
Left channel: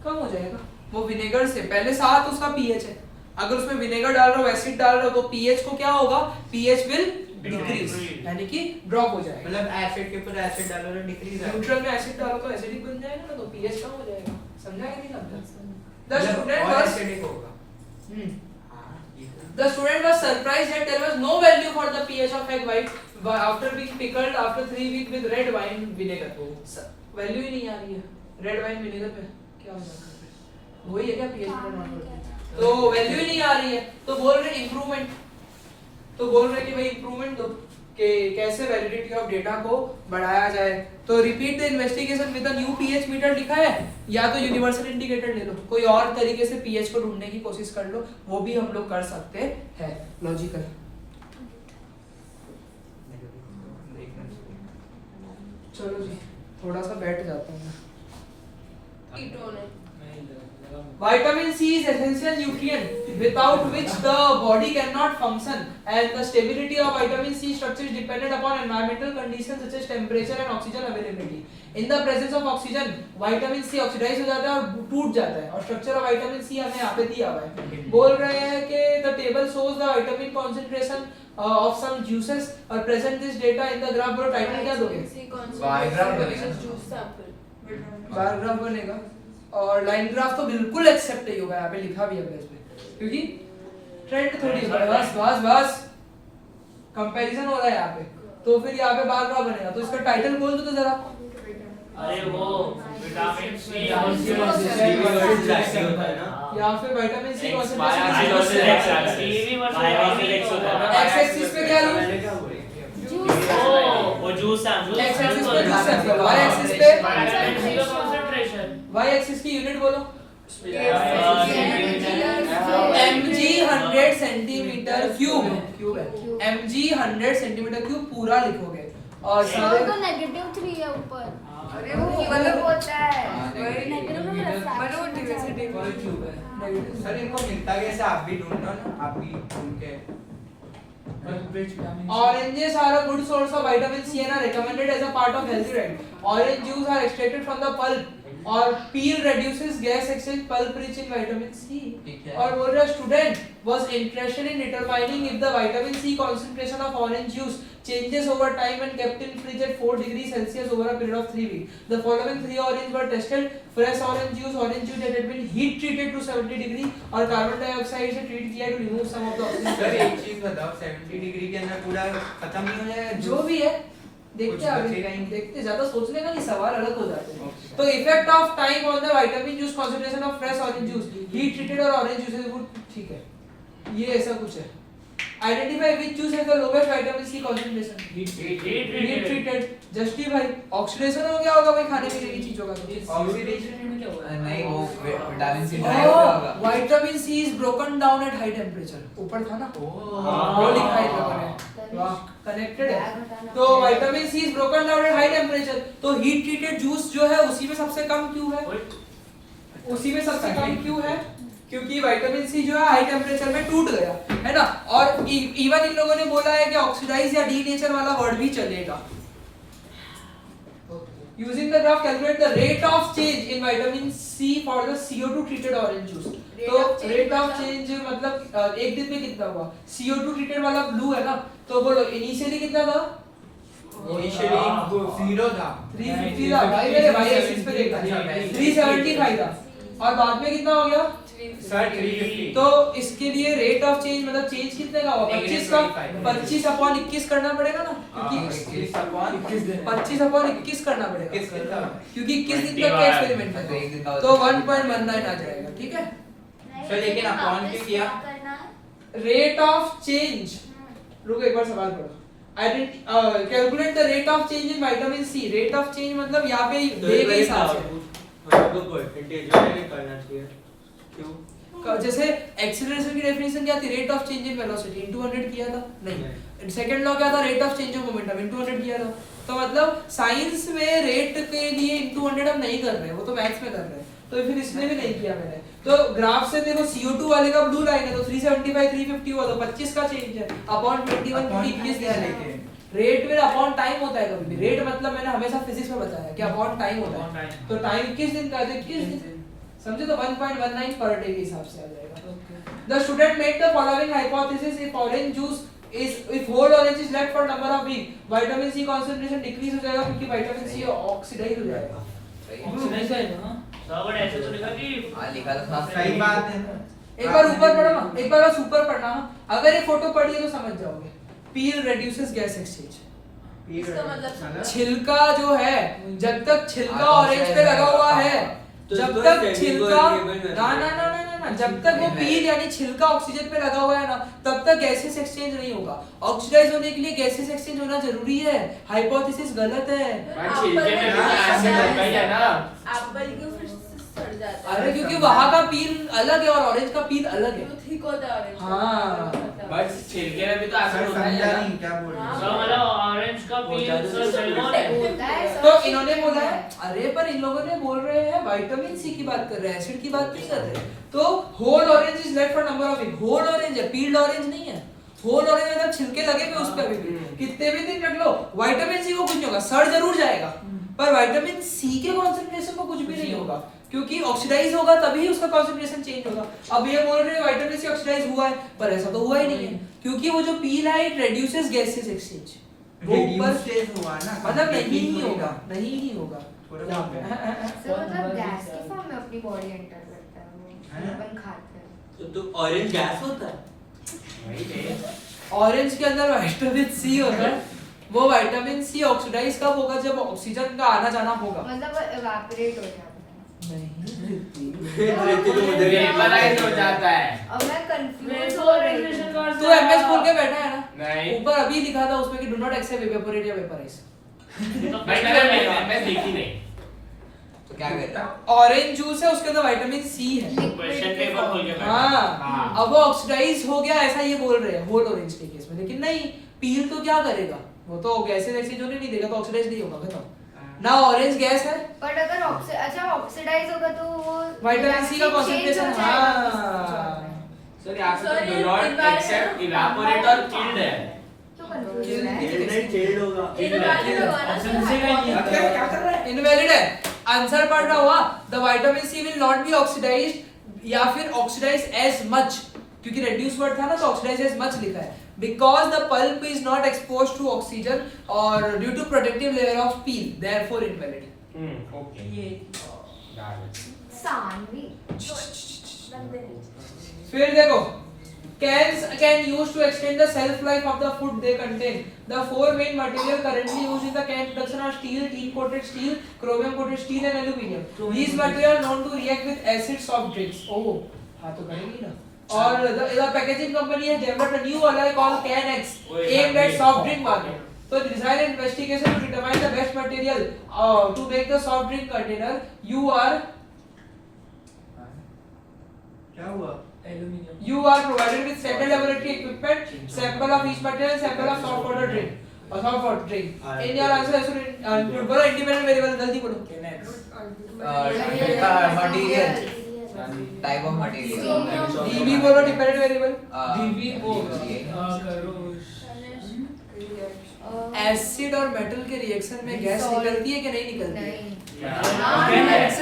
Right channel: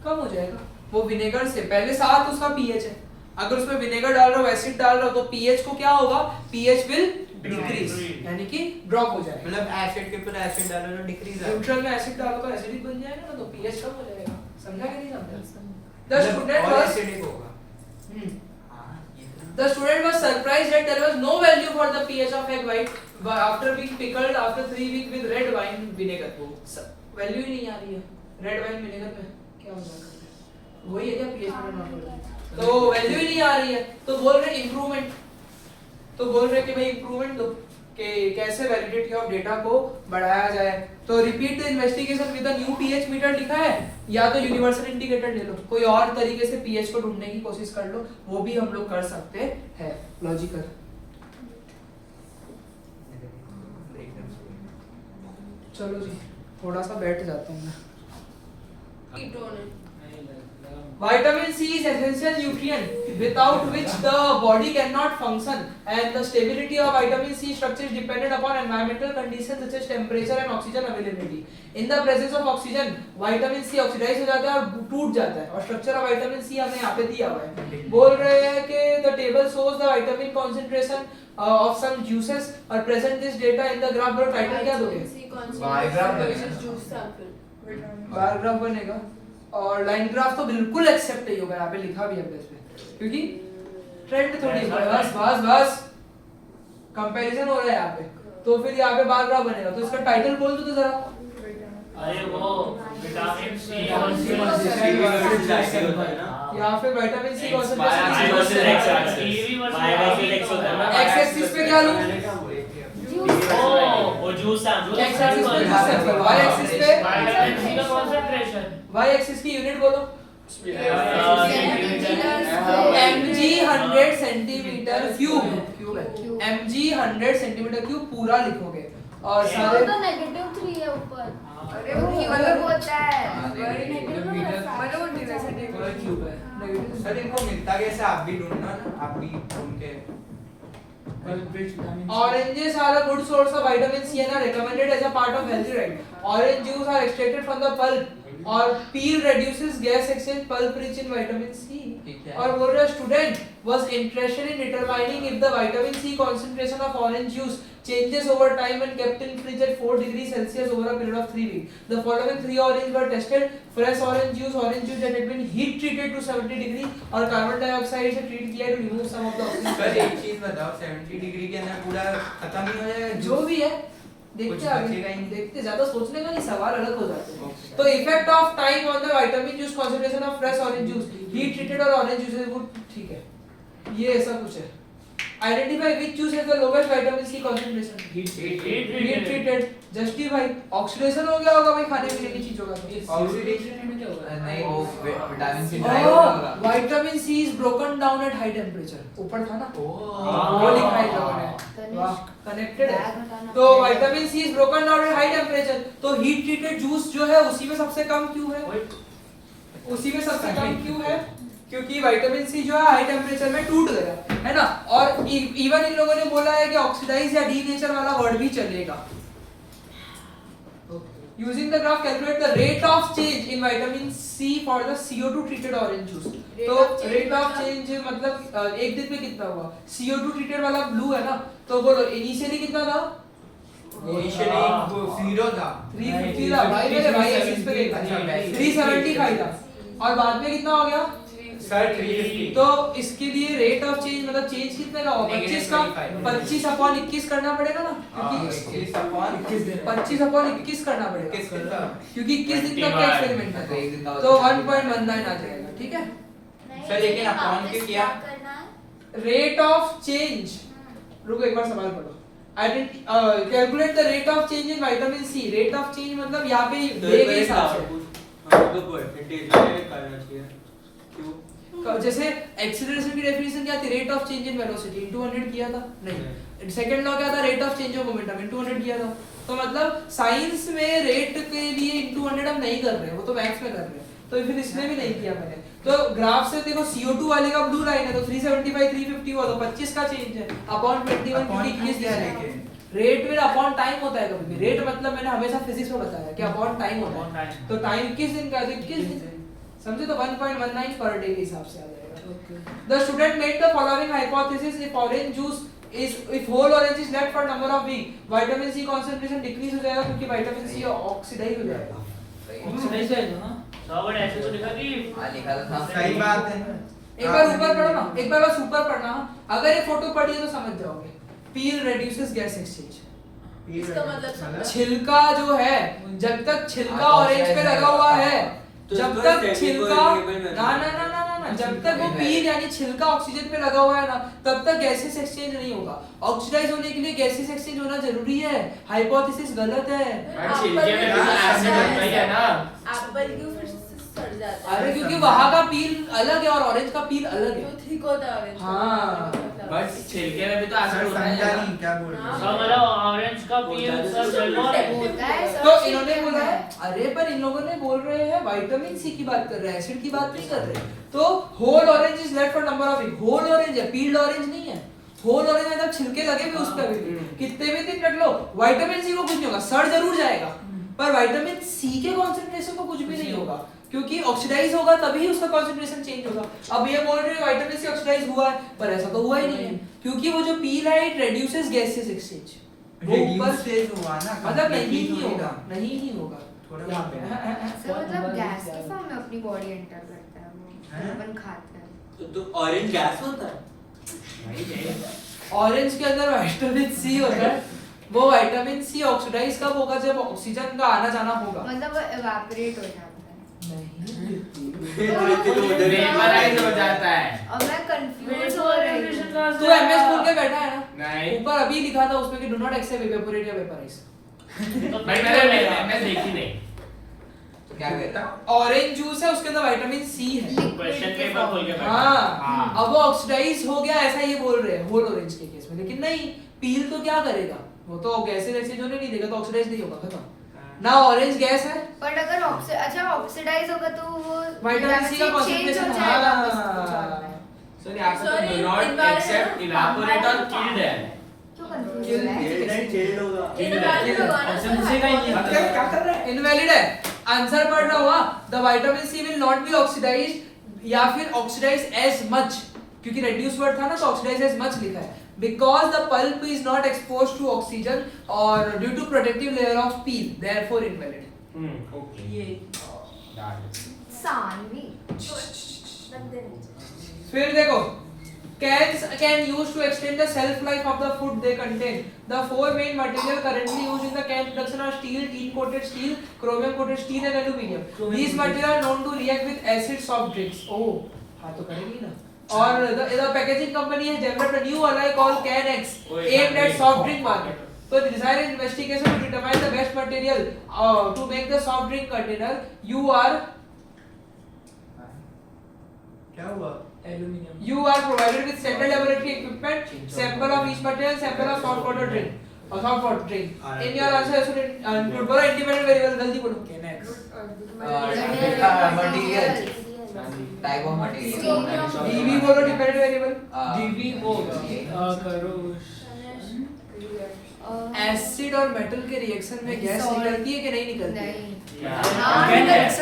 कम हो जाएगा वो विनेगर से, पहले 7 उसका पीएच है, अगर उसमें विनेगर डाल रहा हो एसिड डाल रहा हो तो पीएच को क्या होगा, पीएच विल डिक्रीज, यानी कि ड्रॉप हो जाएगा। मतलब एसिड के ऊपर एसिड डालो तो डिक्रीज आएगा, न्यूट्रल में एसिड डालो तो एसिडिक बन जाएगा ना, तो पीएच कम हो जाएगा। समझा कि नहीं समझा? द स्टूडेंट और वाज एसिडिक होगा। हाँ, ये तो The student was surprised that there was no value for the pH of egg white after being pickled after 3 weeks with red wine vinegar. Value ही नहीं आ रही है रेड वाइन विनेगर पे, क्या होगा वही है क्या pH में नॉर्मल, तो वैल्यू ही नहीं आ रही है, तो बोल रहे इंप्रूवमेंट, तो बोल रहे कि भाई इंप्रूवमेंट दो कि कैसे वैलिडिटी ऑफ डेटा को बढ़ाया जाए। तो repeat the investigation with a new pH meter लिखा है, या तो यूनिवर्सल इंडिकेटर ले लो, कोई और तरीके से पीएच को ढूंढने की कोशिश कर लो, वो भी हम लोग कर सकते हैं लॉजिकल। चलो जी थोड़ा सा बैठ जाता हूँ। ketone? Vitamin C is essential nutrient without which the body cannot function, and the stability of vitamin C structure is dependent upon environmental conditions such as temperature and oxygen availability. In the presence of oxygen, vitamin C oxidize हो जाता है और टूट जाता है, और structure of vitamin C हमें यहाँ पे दिया हुआ है। बोल रहे हैं कि the table shows the vitamin concentration of some juices are present this data in the graph below. Title क्या दोगे? Bar graph बनेगा। Juice sample. बार ग्राफ बनेगा, और लाइन ग्राफ तो बिल्कुल एक्सेप्ट नहीं होगा, यहाँ पे लिखा भी है इस पे, क्योंकि ट्रेंड थोड़ी है, बस कंपैरिजन हो रहा है यहाँ पे, तो फिर यहाँ पे बार ग्राफ बनेगा। तो इसका टाइटल बोल दो तो जरा। अरे वो विटामिन सी यहाँ पे विटामिन सी एक्स एक्सिस पे क्या लूं? वो जूस सैंपल, एक्स एक्सिस पे जूस सैंपल, वाई एक्सिस पे विटामिन सी का कंसंट्रेशन, वाई एक्सिस की यूनिट बोलो। mg 100 सेंटीमीटर क्यूब है, mg 100 सेंटीमीटर क्यूब पूरा लिखोगे, और सारे तो -3 है ऊपर। अरे वो मतलब होता है मतलब वो diversity और क्यूब है सर इनको मिलता कैसे, आप भी ढूंढना ना, आप भी ढूंढ के। Oranges are a good source of vitamin C and are recommended as a part of healthy diet. Orange juice are extracted from the pulp, और peel reduces gas exchange, pulp rich in vitamin C. और बोल रहा student was interested in determining if the vitamin C concentration of orange juice changes over time when kept in fridge at 4 degrees Celsius over a period of 3 weeks. The following 3 oranges were tested: fresh orange juice that had been heat treated to 70 degree और carbon dioxide से treat किया to remove some of the oxygen. Sir एक चीज बताओ, 70 डिग्री के अंदर पूरा खत्म नहीं हो जाएगा जो भी है देखते कुछ आगे, बचेगा ही नहीं। देखते, ज्यादा सोचने का नहीं, सवाल अलग हो जाते हैं। तो effect of time on the vitamin juice concentration of fresh orange juice, heat treated और ऑरेंज जूसेस वो ठीक है, ये ऐसा कुछ है। Identify which juice has the lowest vitamin C concentration, heat treated. Justify oxidation हो गया होगा भाई खाने पीने की चीजों का, ऑक्सीडेशन में क्या हुआ है? नहीं वो विटामिन सी ड्राई हो गया होगा। Vitamin C is broken down at high temperature, ऊपर था ना वो लिखा है लोगों ने, वाह कनेक्टेड है। तो vitamin C is broken down at high temperature, तो हीट ट्रीटेड जूस जो है उसी में सबसे कम क्यों है, उसी में सबसे कम क्यों है, क्योंकि विटामिन सी जो है हाई टेम्परेचर में टूट गया है ना। और इवन इन लोगों ने बोला है कि ऑक्सीडाइज या डीनेचर वाला वर्ड भी चलेगा। Using the graph, calculate the rate of change in vitamin C for the CO2 treated orange juice. तो rate of change मतलब एक दिन में कितना हुआ, CO2 treated वाला ब्लू है ना, तो बोलो इनिशियली कितना था, इनिशियली 0 था, 350 था भाई, मेरे भाई एक्सिस पे देखा 375 था, और बाद में कितना हो गया सर 350। तो इसके लिए रेट ऑफ चेंज मतलब चेंज कितने का होगा, 25 का 25/21 करना पड़ेगा ना, क्योंकि 25/21 करना पड़ेगा, क्योंकि 21 दिन तक का एक्सपेरिमेंट है, तो 1.19 आ जाएगा, ठीक है। सर लेकिन अपॉन पे किया रेट ऑफ चेंज, रुको एक बार सवाल पढ़ो। Calculate the rate of change in vitamin C, rate of change मतलब यहाँ पे डे के हिसाब से, जैसे एक्सीलरेशन की डेफिनेशन क्या थी, rate of change in velocity into 100 किया था नहीं, सेकंड लॉ क्या था, rate of change of momentum into 100 किया था। तो मतलब साइंस में रेट के लिए इनटू 100 हम नहीं कर रहे हैं, वो तो मैथ्स में कर रहे हैं, तो फिर इसमें भी नहीं किया मैंने। तो ग्राफ से देखो CO2 वाले का ब्लू लाइन है तो 375 350 हुआ तो 25 का चेंज है अपॉन 21 21 दिया है। रेट में अपॉन टाइम होता है कभी भी, रेट मतलब मैंने हमेशा फिजिक्स में बताया कि अपॉन टाइम होता है, तो टाइम 21 दिन का है तो 21 दिन समझे, तो 1.19 पर डे के हिसाब से आ जाएगा। The student made the following hypothesis, if orange juice if whole orange is left for number of week, vitamin C concentration decrease हो जाएगा क्योंकि vitamin C ऑक्सीडाइज हो जाएगा। ऑक्सीडाइज है ना, सब ऐसे तो लिखा कि हाँ लिखा था। सही बात है। एक बार ऊपर पढ़ो ना, एक बार बस ऊपर पढ़ना, अगर ये फोटो पढ़ी है तो समझ जाओगे। पील reduces gas exchange, इसका मतलब छिलका जो है जब तक छिलका ऑरेंज पे लगा हुआ है, जब तक छिलका ना ना ना ना ना जब तक वो पील यानी छिलका ऑक्सीजन पे लगा हुआ है ना तब तक गैसेस एक्सचेंज नहीं होगा। ऑक्सीडाइज होने के लिए गैसेस एक्सचेंज होना जरूरी है, हाइपोथेसिस गलत है। छिलके में भी एसिड होता ही है ना। एप्पल क्यों फिर सड़ जाता है? अरे क्योंकि वहाँ का पील अलग है और ऑरेंज का पील अलग है। वो थिक होता है ऑरेंज। हाँ। बट छिलके में भी तो एसिड होता समझा है नहीं क्या बोल रहे सब हो। मतलब ऑरेंज का पील सर सिल्वर है। तो इन्होंने बोला है, अरे पर इन लोगों ने बोल रहे हैं विटामिन सी की बात कर रहे हैं, एसिड की बात नहीं कर रहे। तो whole orange is left for number of week, whole orange है, पील्ड ऑरेंज नहीं है। होल ऑरेंज मतलब छिलके लगे हुए उस पे भी कितने भी दिन रख लो, विटामिन सी को कुछ नहीं होगा, सड़ जरूर जाएगा पर विटामिन सी के कंसंट्रेशन को कुछ भी नहीं होगा क्योंकि ऑक्सीडाइज होगा तभी उसका कंसंट्रेशन चेंज होगा। अब ये बोल रहे हैं विटामिन सी ऑक्सीडाइज हुआ है पर ऐसा तो हुआ ही नहीं है क्योंकि वो जो पील है इट रिड्यूसेस गैसेस एक्सचेंज, वो ऊपर स्टेज हुआ ना, मतलब नहीं ही होगा, नहीं ही होगा। थोड़ा यहाँ पे सर मतलब गैस के फॉर्म में अपनी बॉडी एंटर करता है वो, अपन खाते हैं तो ऑरेंज गैस होता है। ऑरेंज के अंदर विटामिन सी होता है, वो विटामिन सी ऑक्सीडाइज कब होगा जब ऑक्सीजन का आना जाना होगा, मतलब इवेपोरेट हो जाता है। वेपराइज हो जाता है। और मैं कंफ्यूज हो रही हूँ। तो एमएस खोल के बैठा है ना, नहीं ऊपर अभी लिखा था उसमें कि डू नॉट एक्सेप्ट इवेपोरेट या वेपराइज। भाई मैंने देखी नहीं। तो क्या कहता है? ऑरेंज जूस है उसके अंदर विटामिन सी है। क्वेश्चन पेपर खोल के बैठा। हाँ अब वो ऑक्सीडाइज हो गया ऐसा ये बोल रहे हैं होल ऑरेंज के केस में, लेकिन नहीं पील तो क्या करेगा, वो तो गैसेस एक्सचेंज होने नहीं देगा तो ऑक्सीडाइज नहीं होगा, खत्म ना। ऑरेंज गैस है बट अगर अच्छा ऑक्सीडाइज होगा तो वो विटामिन सी का चेंज हो कंसंट्रेशन जाएगा। सर यहाँ पे Sorry, do not invalid accept evaporate और किल्ड है। क्यों कंफ्यूज हो रहा है? इनवैलिड होगा ना ऑप्शन से का ही मतलब क्या कर रहा है? इनवैलिड है, आंसर पढ़ना हुआ the vitamin C will not be oxidised या फिर ऑक्सीडाइज एज मच, क्योंकि रेड्यूस वर्ड था ना तो ऑक्सीडाइज एज मच लिखा है, because the pulp is not exposed to oxygen or due to protective layer of peel, therefore invalid. Okay ये सानवी फिर देखो cans can use to extend the shelf life of the food they contain. The four main material currently used in the can production are steel, tin coated steel, chromium coated steel and aluminum. These materials are known to react with acid soft drinks. Oh हाँ तो करेंगी ना। और the packaging company has developed a new alloy called CanX aimed at soft drink market. So design and investigation to determine the best material to make the soft drink container. You are क्या हुआ? Aluminium You are provided with standard laboratory equipment, sample of each material, sample of soft water drink or soft water drink. In your answer, should include बोलो independent variable गलती बोलो. कैनेक्स material type of material. DB बोलो dependent variable. डीवी वो करो एसिड और मेटल के रिएक्शन में गैस निकलती है कि नहीं निकलती है? नहीं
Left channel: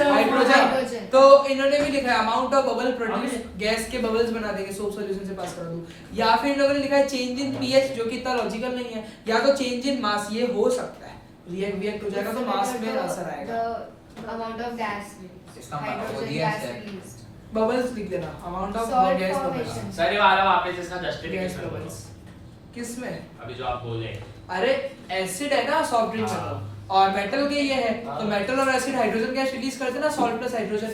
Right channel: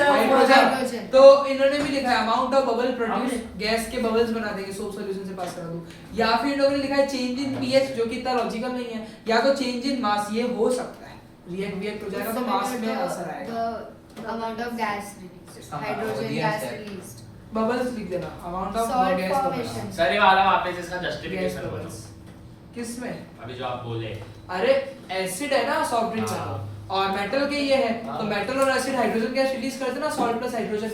हाइड्रोजन। तो इन्होंने भी लिखा है amount of bubble produce, gas के बबल्स बना देंगे सोप सॉल्यूशन से पास करा दो, या फिर इन्होंने लिखा है चेंज इन पीएच जो कि इतना लॉजिकल नहीं है, या तो चेंज इन मास, ये हो सकता है रिएक्ट हो जाएगा तो मास में असर आएगा। अमाउंट ऑफ गैस इसका हाइड्रोजन दिया गैस है। रिलीज्ड बबल्स लिख देना amount of Salt gas formation. Bubbles. Sir ये वाला वापस इसका गैस जस्टिफिकेशन बबल्स किसमें? अभी जो आप बोले अरे एसिड है ना सॉफ्ट ड्रिंक में और मेटल के ये है तो मेटल और एसिड हाइड्रोजन गैस रिलीज करते ना सॉल्ट प्लस हाइड्रोजन,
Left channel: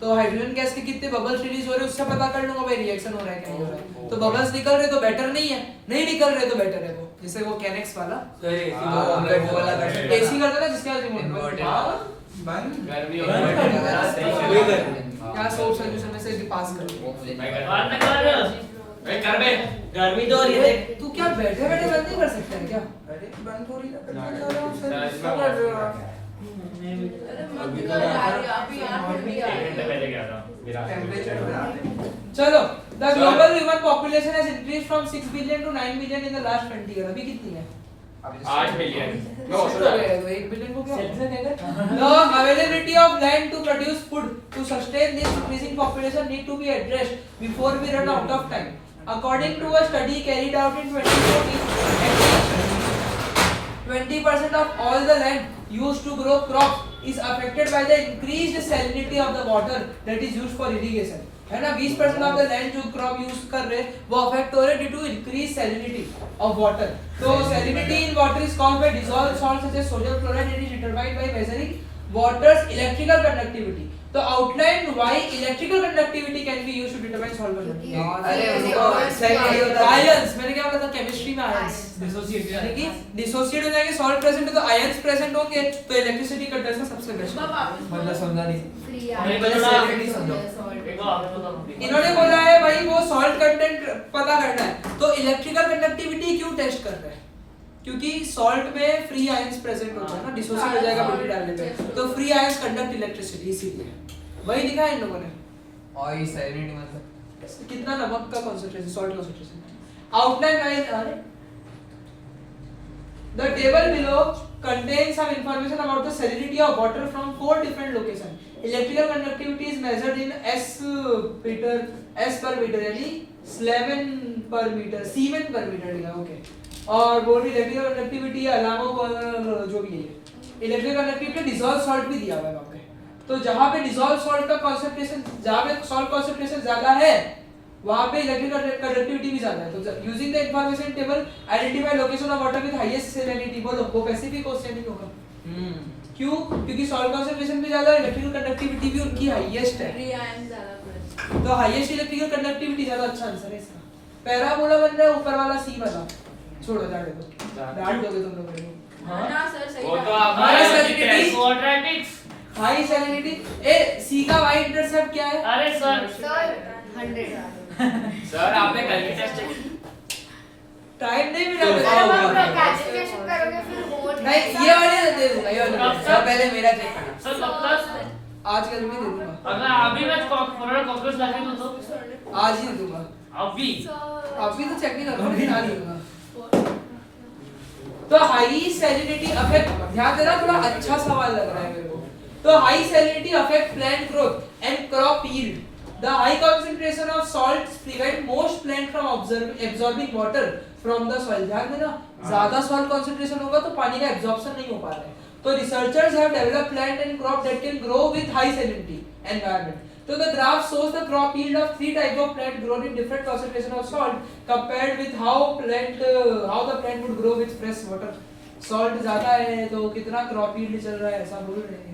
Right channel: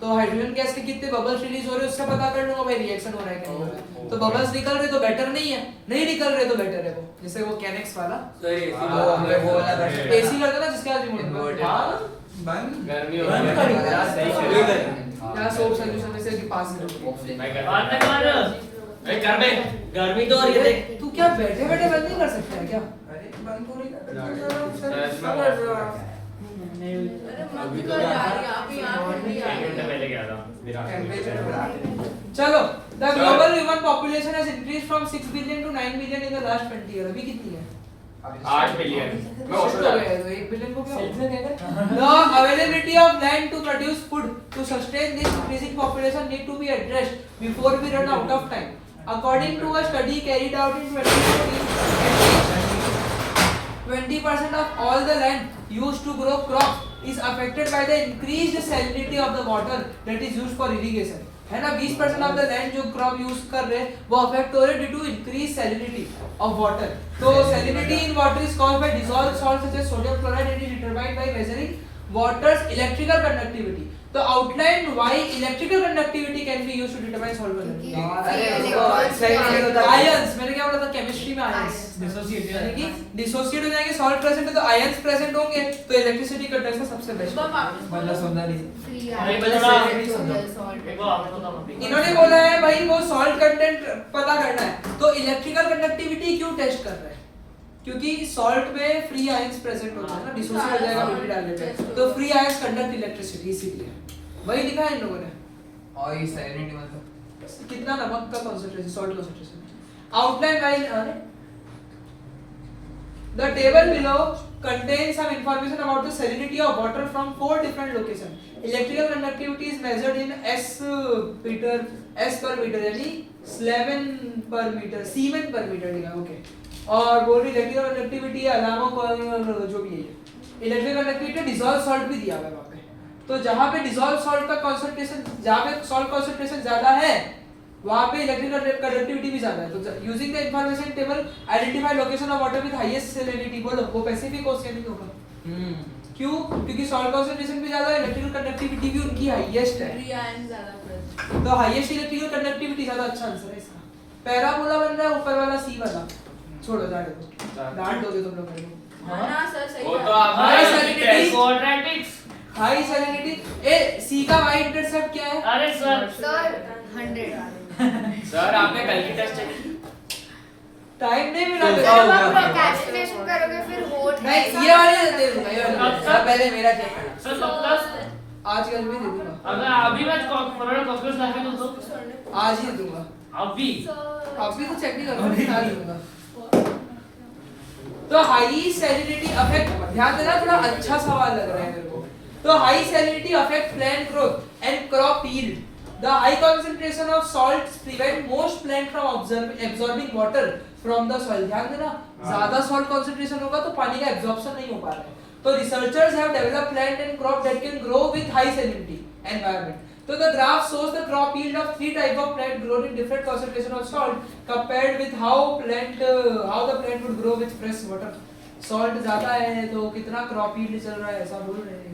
तो हाइड्रोजन गैस के कितने बबल्स रिलीज हो रहे हैं उससे पता कर लूंगा भाई रिएक्शन हो रहा है कि नहीं हो रहा है। तो बबल्स निकल रहे तो बेटर नहीं है, नहीं निकल रहे तो बेटर है वो, जैसे वो कैनेक्स वाला सर हमने बोला था एसी करता ना जिसका रिमोट बंद गर्मी बंद हो कर रही देना, है। सही वही कर क्या सोप सॉल्यूशन में से पास कर वो मुझे मैं कर और ना कर में गर्मी तो हो रही है देख तू क्या बैठे बैठे बंद नहीं कर सकता है क्या अरे बंद थोड़ी ना करना अरे मत कर यार अभी 8 घंटे आ एक घंटे गए पहले गया था मेरा टेंपरेचर बढ़ा चलो the global human population has increased from 6 billion to 9 billion in the last 20 year. अभी कितनी है? 8 मिलियन मैं Shift हो गया है तो 1 बिलियन को क्या The availability of land to produce food to sustain this increasing population need to be addressed before we run out of time. According to a study carried out in 2014, at least 20% of all the land used to grow crops is affected by the increased salinity of the water that is used for irrigation. है ना 20% ऑफ द लैंड जो क्रॉप यूज कर रहे हैं वो अफेक्ट हो रहे due to increase salinity of water. तो salinity in water is caused by dissolved salt such as sodium chloride and is determined by measuring water's electrical conductivity. तो outline why electrical conductivity can be used to determine salt conductivity. Ions मैंने क्या बोला था केमिस्ट्री में आयंस डिसोसिएट यानी कि डिसोसिएट हो जाएंगे सॉल्ट प्रेजेंट है तो आयंस प्रेजेंट होंगे तो इलेक्ट्रिसिटी कंडक्शन सबसे बेस्ट। मतलब समझा नहीं फ्री नहीं, आया बता। सॉल्ट देखो आपको तो हम इन्होंने बोला है भाई वो सॉल्ट कंटेंट पता करना है तो इलेक्ट्रिकल कंडक्टिविटी क्यों टेस्ट कर रहे हैं? क्योंकि सॉल्ट में फ्री आयंस प्रेजेंट होता है ना डिसोसिएट हो जाएगा बिल्कुल डालने पे तो फ्री आयंस कंडक्ट इलेक्ट्रिसिटी इसीलिए वही लिखा है इन लोगों ने। और ये सैलिनिटी मतलब कितना नमक का concentration salt concentration outline while The table below contains some information about the salinity of water from 4 different locations. Electrical conductivity is measured in S per meter यानी Siemen per meter लिखा ओके। और बोल रही इलेक्ट्रिकल कंडक्टिविटी अलामो पर जो भी है इलेक्ट्रिकल कंडक्टिविटी डिसॉल्व सॉल्ट भी दिया हुआ है वहाँ पे। तो जहाँ पे डिसॉल्व सॉल्ट का कंसंट्रेशन जहाँ पे सॉल्ट कंसंट्रेशन ज्यादा है वहाँ पे इलेक्ट्रिकल कंडक्टिविटी भी ज्यादा है। तो using the information table identify location of water with highest salinity. बोलो वो पैसिफिक ओशियन होगा क्यों? क्योंकि सॉल्ट कंसंट्रेशन भी ज्यादा है इलेक्ट्रिकल कंडक्टिविटी भी उनकी हाईएस्ट है फ्री आयन ज्यादा प्रेजेंट तो हाईएस्ट इलेक्ट्रिकल कंडक्टिविटी ज्यादा अच्छा आंसर है इसका। पैराबोला बन रहा है ऊपर वाला सी वाला छोड़ो जाने दो डांट दोगे तुम लोग मेरे हां ना सर सही वो तो बात आप high salinity quadratics high salinity ए सी का वाई इंटरसेप्ट क्या है? अरे सर सर 100 सर आपने कल की टेस्ट चेक की टाइम नहीं मिला सर मेरे अब को। आप कैलकुलेशन करोगे फिर हो नहीं ये वाले दे दूंगा ये वाले कब दे तक? पहले मेरा चेक करना सर कब तक दूंगा। आज कल में दे दूंगा अगर अभी मैं कोरोना कॉकरोच लाके दूं तो आज ही दे दूंगा अभी अभी तो चेक नहीं करूंगा लेकिन आज दे दूंगा। तो हाई सैलिनिटी अफेक्ट ध्यान देना थोड़ा अच्छा सवाल लग रहा है मेरे को। तो high salinity affect plant growth and crop yield. The high concentration of salts prevent most plant from absorbing water from the soil. ध्यान देना ज्यादा salt concentration होगा तो पानी का absorption नहीं हो पा रहा है। तो researchers have developed plant and crop that can grow with high salinity environment. So the graph shows the crop yield of 3 type of plant grown in different concentration of salt compared with how the plant would grow with fresh water. Salt ज्यादा है तो कितना crop yield चल रहा है ऐसा बोल रहे हैं।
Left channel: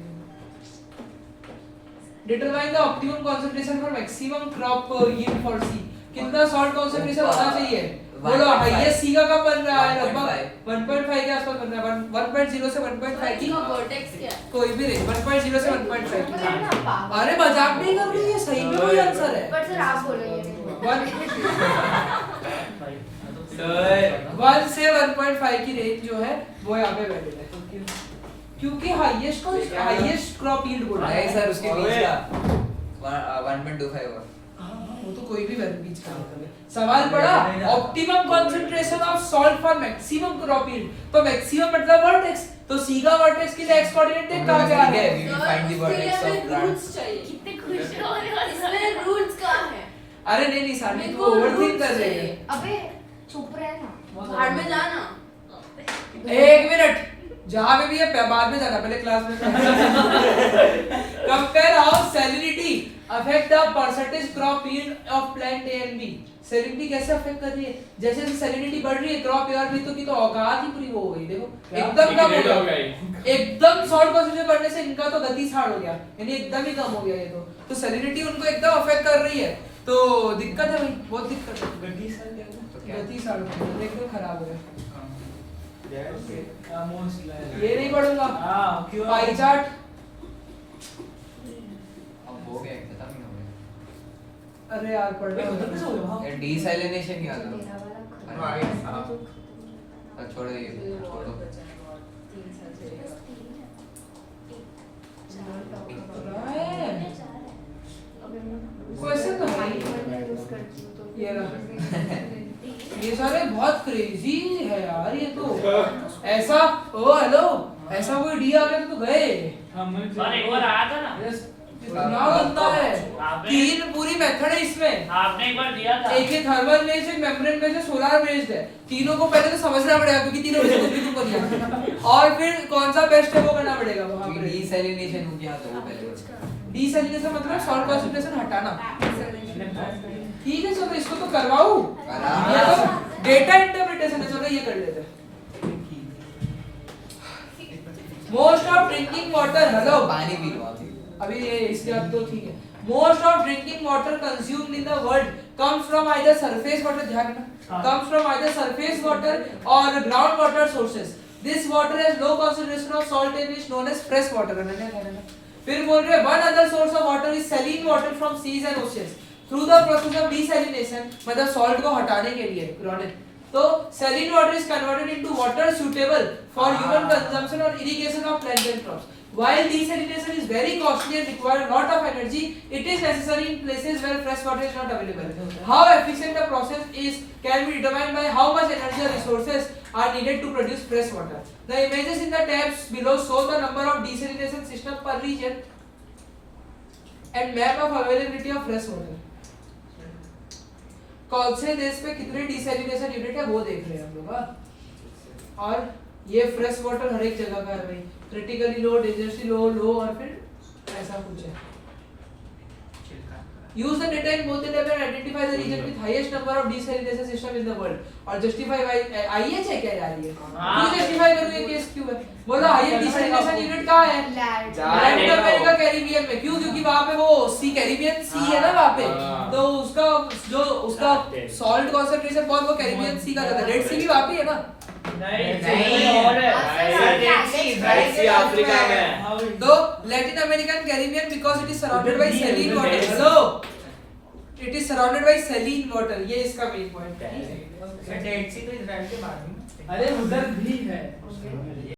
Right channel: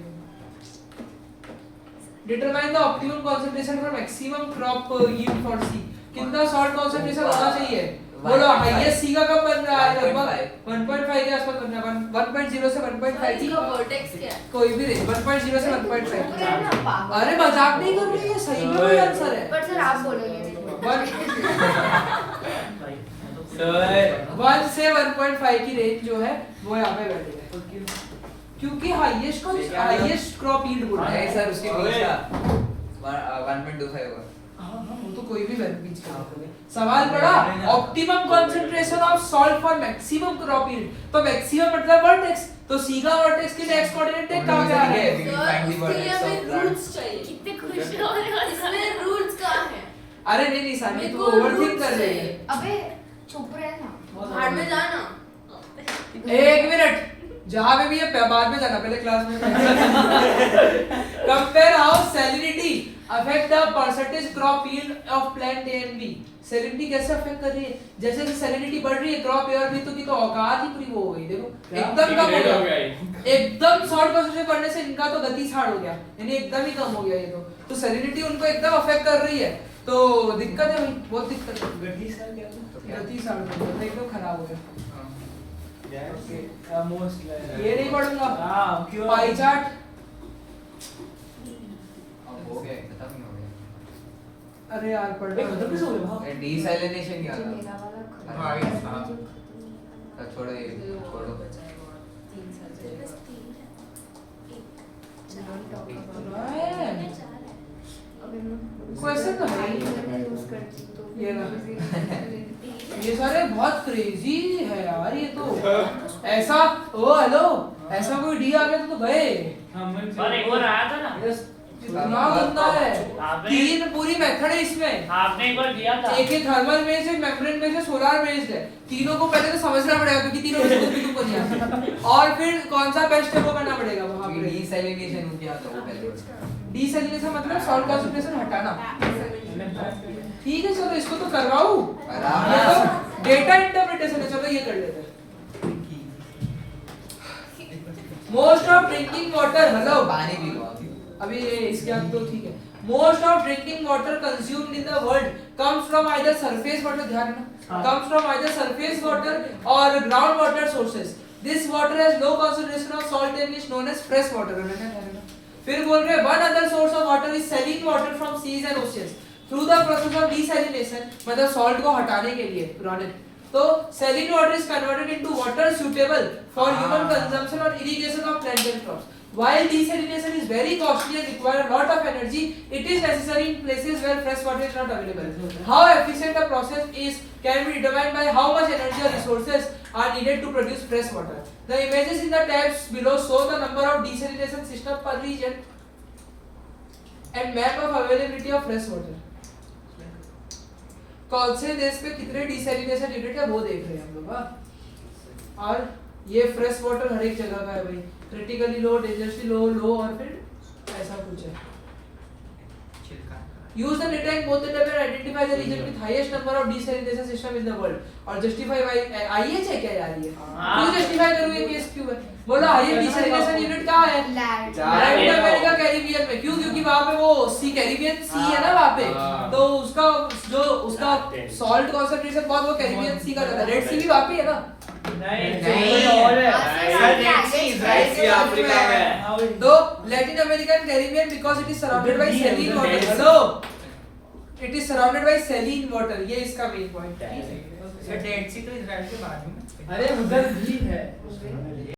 Determine the optimum concentration for maximum crop yield for C. कितना salt concentration होना चाहिए? बोलो हाईएस्ट सी का कब बन रहा है? लगभग 1.5 के आसपास बन रहा है। 1.0 से 1.5 की वर्टेक्स क्या है कोई भी नहीं 1.0 से 1.5 की। अरे मजाक नहीं कर रही है सही में वही आंसर है। पर सर आप बोलोगे 1 से 1.5 की रेंज जो है वो यहाँ पे वैलिड है क्योंकि हाईएस्ट क्रॉप यील्ड बोल रहा नहीं है सर उसके बीच का 1.25 होगा। वो तो कोई भी बीच का होता है। सवाल पड़ा optimum concentration of salt for maximum crop yield. तो मैक्सिमम मतलब वर्टेक्स तो सी का वर्टेक्स के लिए एक्स कोऑर्डिनेट टेक कहां गया है? We will find the vertex of plant. Roots चाहिए कितने खुश हो रहे हो इसमें रूट्स कहाँ है अरे नहीं सानी मेरे तू को ओवरथिंक roots कर रही है। चाहिए। अबे चुप रह ना भाड़ में जाना एक मिनट जहां पे भी है बाद में जाना पहले क्लास में compare how salinity affect the percentage crop yield of plant A and B. Salinity कैसे अफेक्ट कर रही है? जैसे जैसे सैलिनिटी बढ़ रही है क्रॉप ए और बी तो की तो औकात ही पूरी वो हो गई। देखो एकदम कम हो गया एकदम सॉल्ट कंसंट्रेशन बढ़ने से इनका तो गति साड़ हो गया यानी एकदम ही कम हो गया ये तो सैलिनिटी उनको एकदम अफेक्ट कर रही है तो दिक्कत है भाई बहुत दिक्कत है। गति साड़ क्या हुआ? गति साड़ एकदम खराब हो गया। मोस्ट ये नहीं पढ़ूंगा हां क्यों पाई चार्ट अब हो गया खत्म ही हो अरे यार पढ़ना उधर कैसे हो गया वहाँ? डीसैलिनेशन यार मेरा वाला खत्म। हाँ, छोड़ो ये छोड़ो क्वेश्चन तो है ही। ये ये सारे बहुत क्रेजी है यार ये तो ऐसा ओ हेलो ऐसा कोई डी आ गया तो गए पर एक बार आया था ना, इतना गंदा है आपने- तीन पूरी मेथड है इसमें आपने एक बार दिया था। एक थर्मल बेस्ड है मेम्ब्रेन बेस्ड है सोलर बेस्ड है तीनों को पहले तो समझना पड़ेगा क्योंकि तीनों में से कुछ भी तुमको नहीं आता और फिर कौन सा बेस्ट है वो करना पड़ेगा वहां पे डीसैलिनेशन हो गया तो वो पहले डीसैलिनेशन मतलब सॉल्ट कॉन्सेंट्रेशन हटाना ठीक है चलो इसको तो करवाऊं डेटा इंटरप्रिटेशन है चलो ये कर लेते हैं most of drinking water hello पानी पी लो अभी ये इसके बाद तो ठीक है most of drinking water consumed in the world comes from either surface water ध्यान रखना comes from either surface water और ground water sources this water has low concentration of salt and is known as fresh water फिर बोल रहे one other source of water is saline water from seas and oceans through the process of desalination मतलब सॉल्ट को हटाने के लिए रॉनिक तो saline water is converted into water suitable for human consumption or irrigation of plant and crops. While desalination is very costly and require a lot of energy, it is necessary in places where fresh water is not available. How efficient the process is can be determined by how much energy or resources are needed to produce fresh water. The images in the tabs below show the number of desalination systems per region and map of availability of fresh water. कौन से देश पे कितने डिसैलिनेशन यूनिट है वो देख रहे हैं हम लोग और ये फ्रेश वाटर हर एक जगह का है भाई क्रिटिकली लो डेंजरसली लो और फिर ऐसा कुछ है use the data in both the table and identify the region with highest number of desalination system in the world और justify why IH है क्या यार ये क्यों justify करूँ ये केस क्यों है बोलो highest desalination unit कहाँ है लैटिन अमेरिका कैरिबियन में क्यों क्योंकि वहाँ पे वो सी कैरिबियन सी है ना वहाँ पे तो उसका जो उसका सॉल्ट कॉन्सेंट्रेशन बहुत वो कैरिबियन सी का रहता है रेड सी भी वहाँ पे है ना नहीं और है अफ्रीका में तो Latin American Caribbean because it is surrounded by saline water hello it is surrounded by saline water ये इसका मेन पॉइंट है डेड सी तो इजराइल के बाद में अरे उधर भी है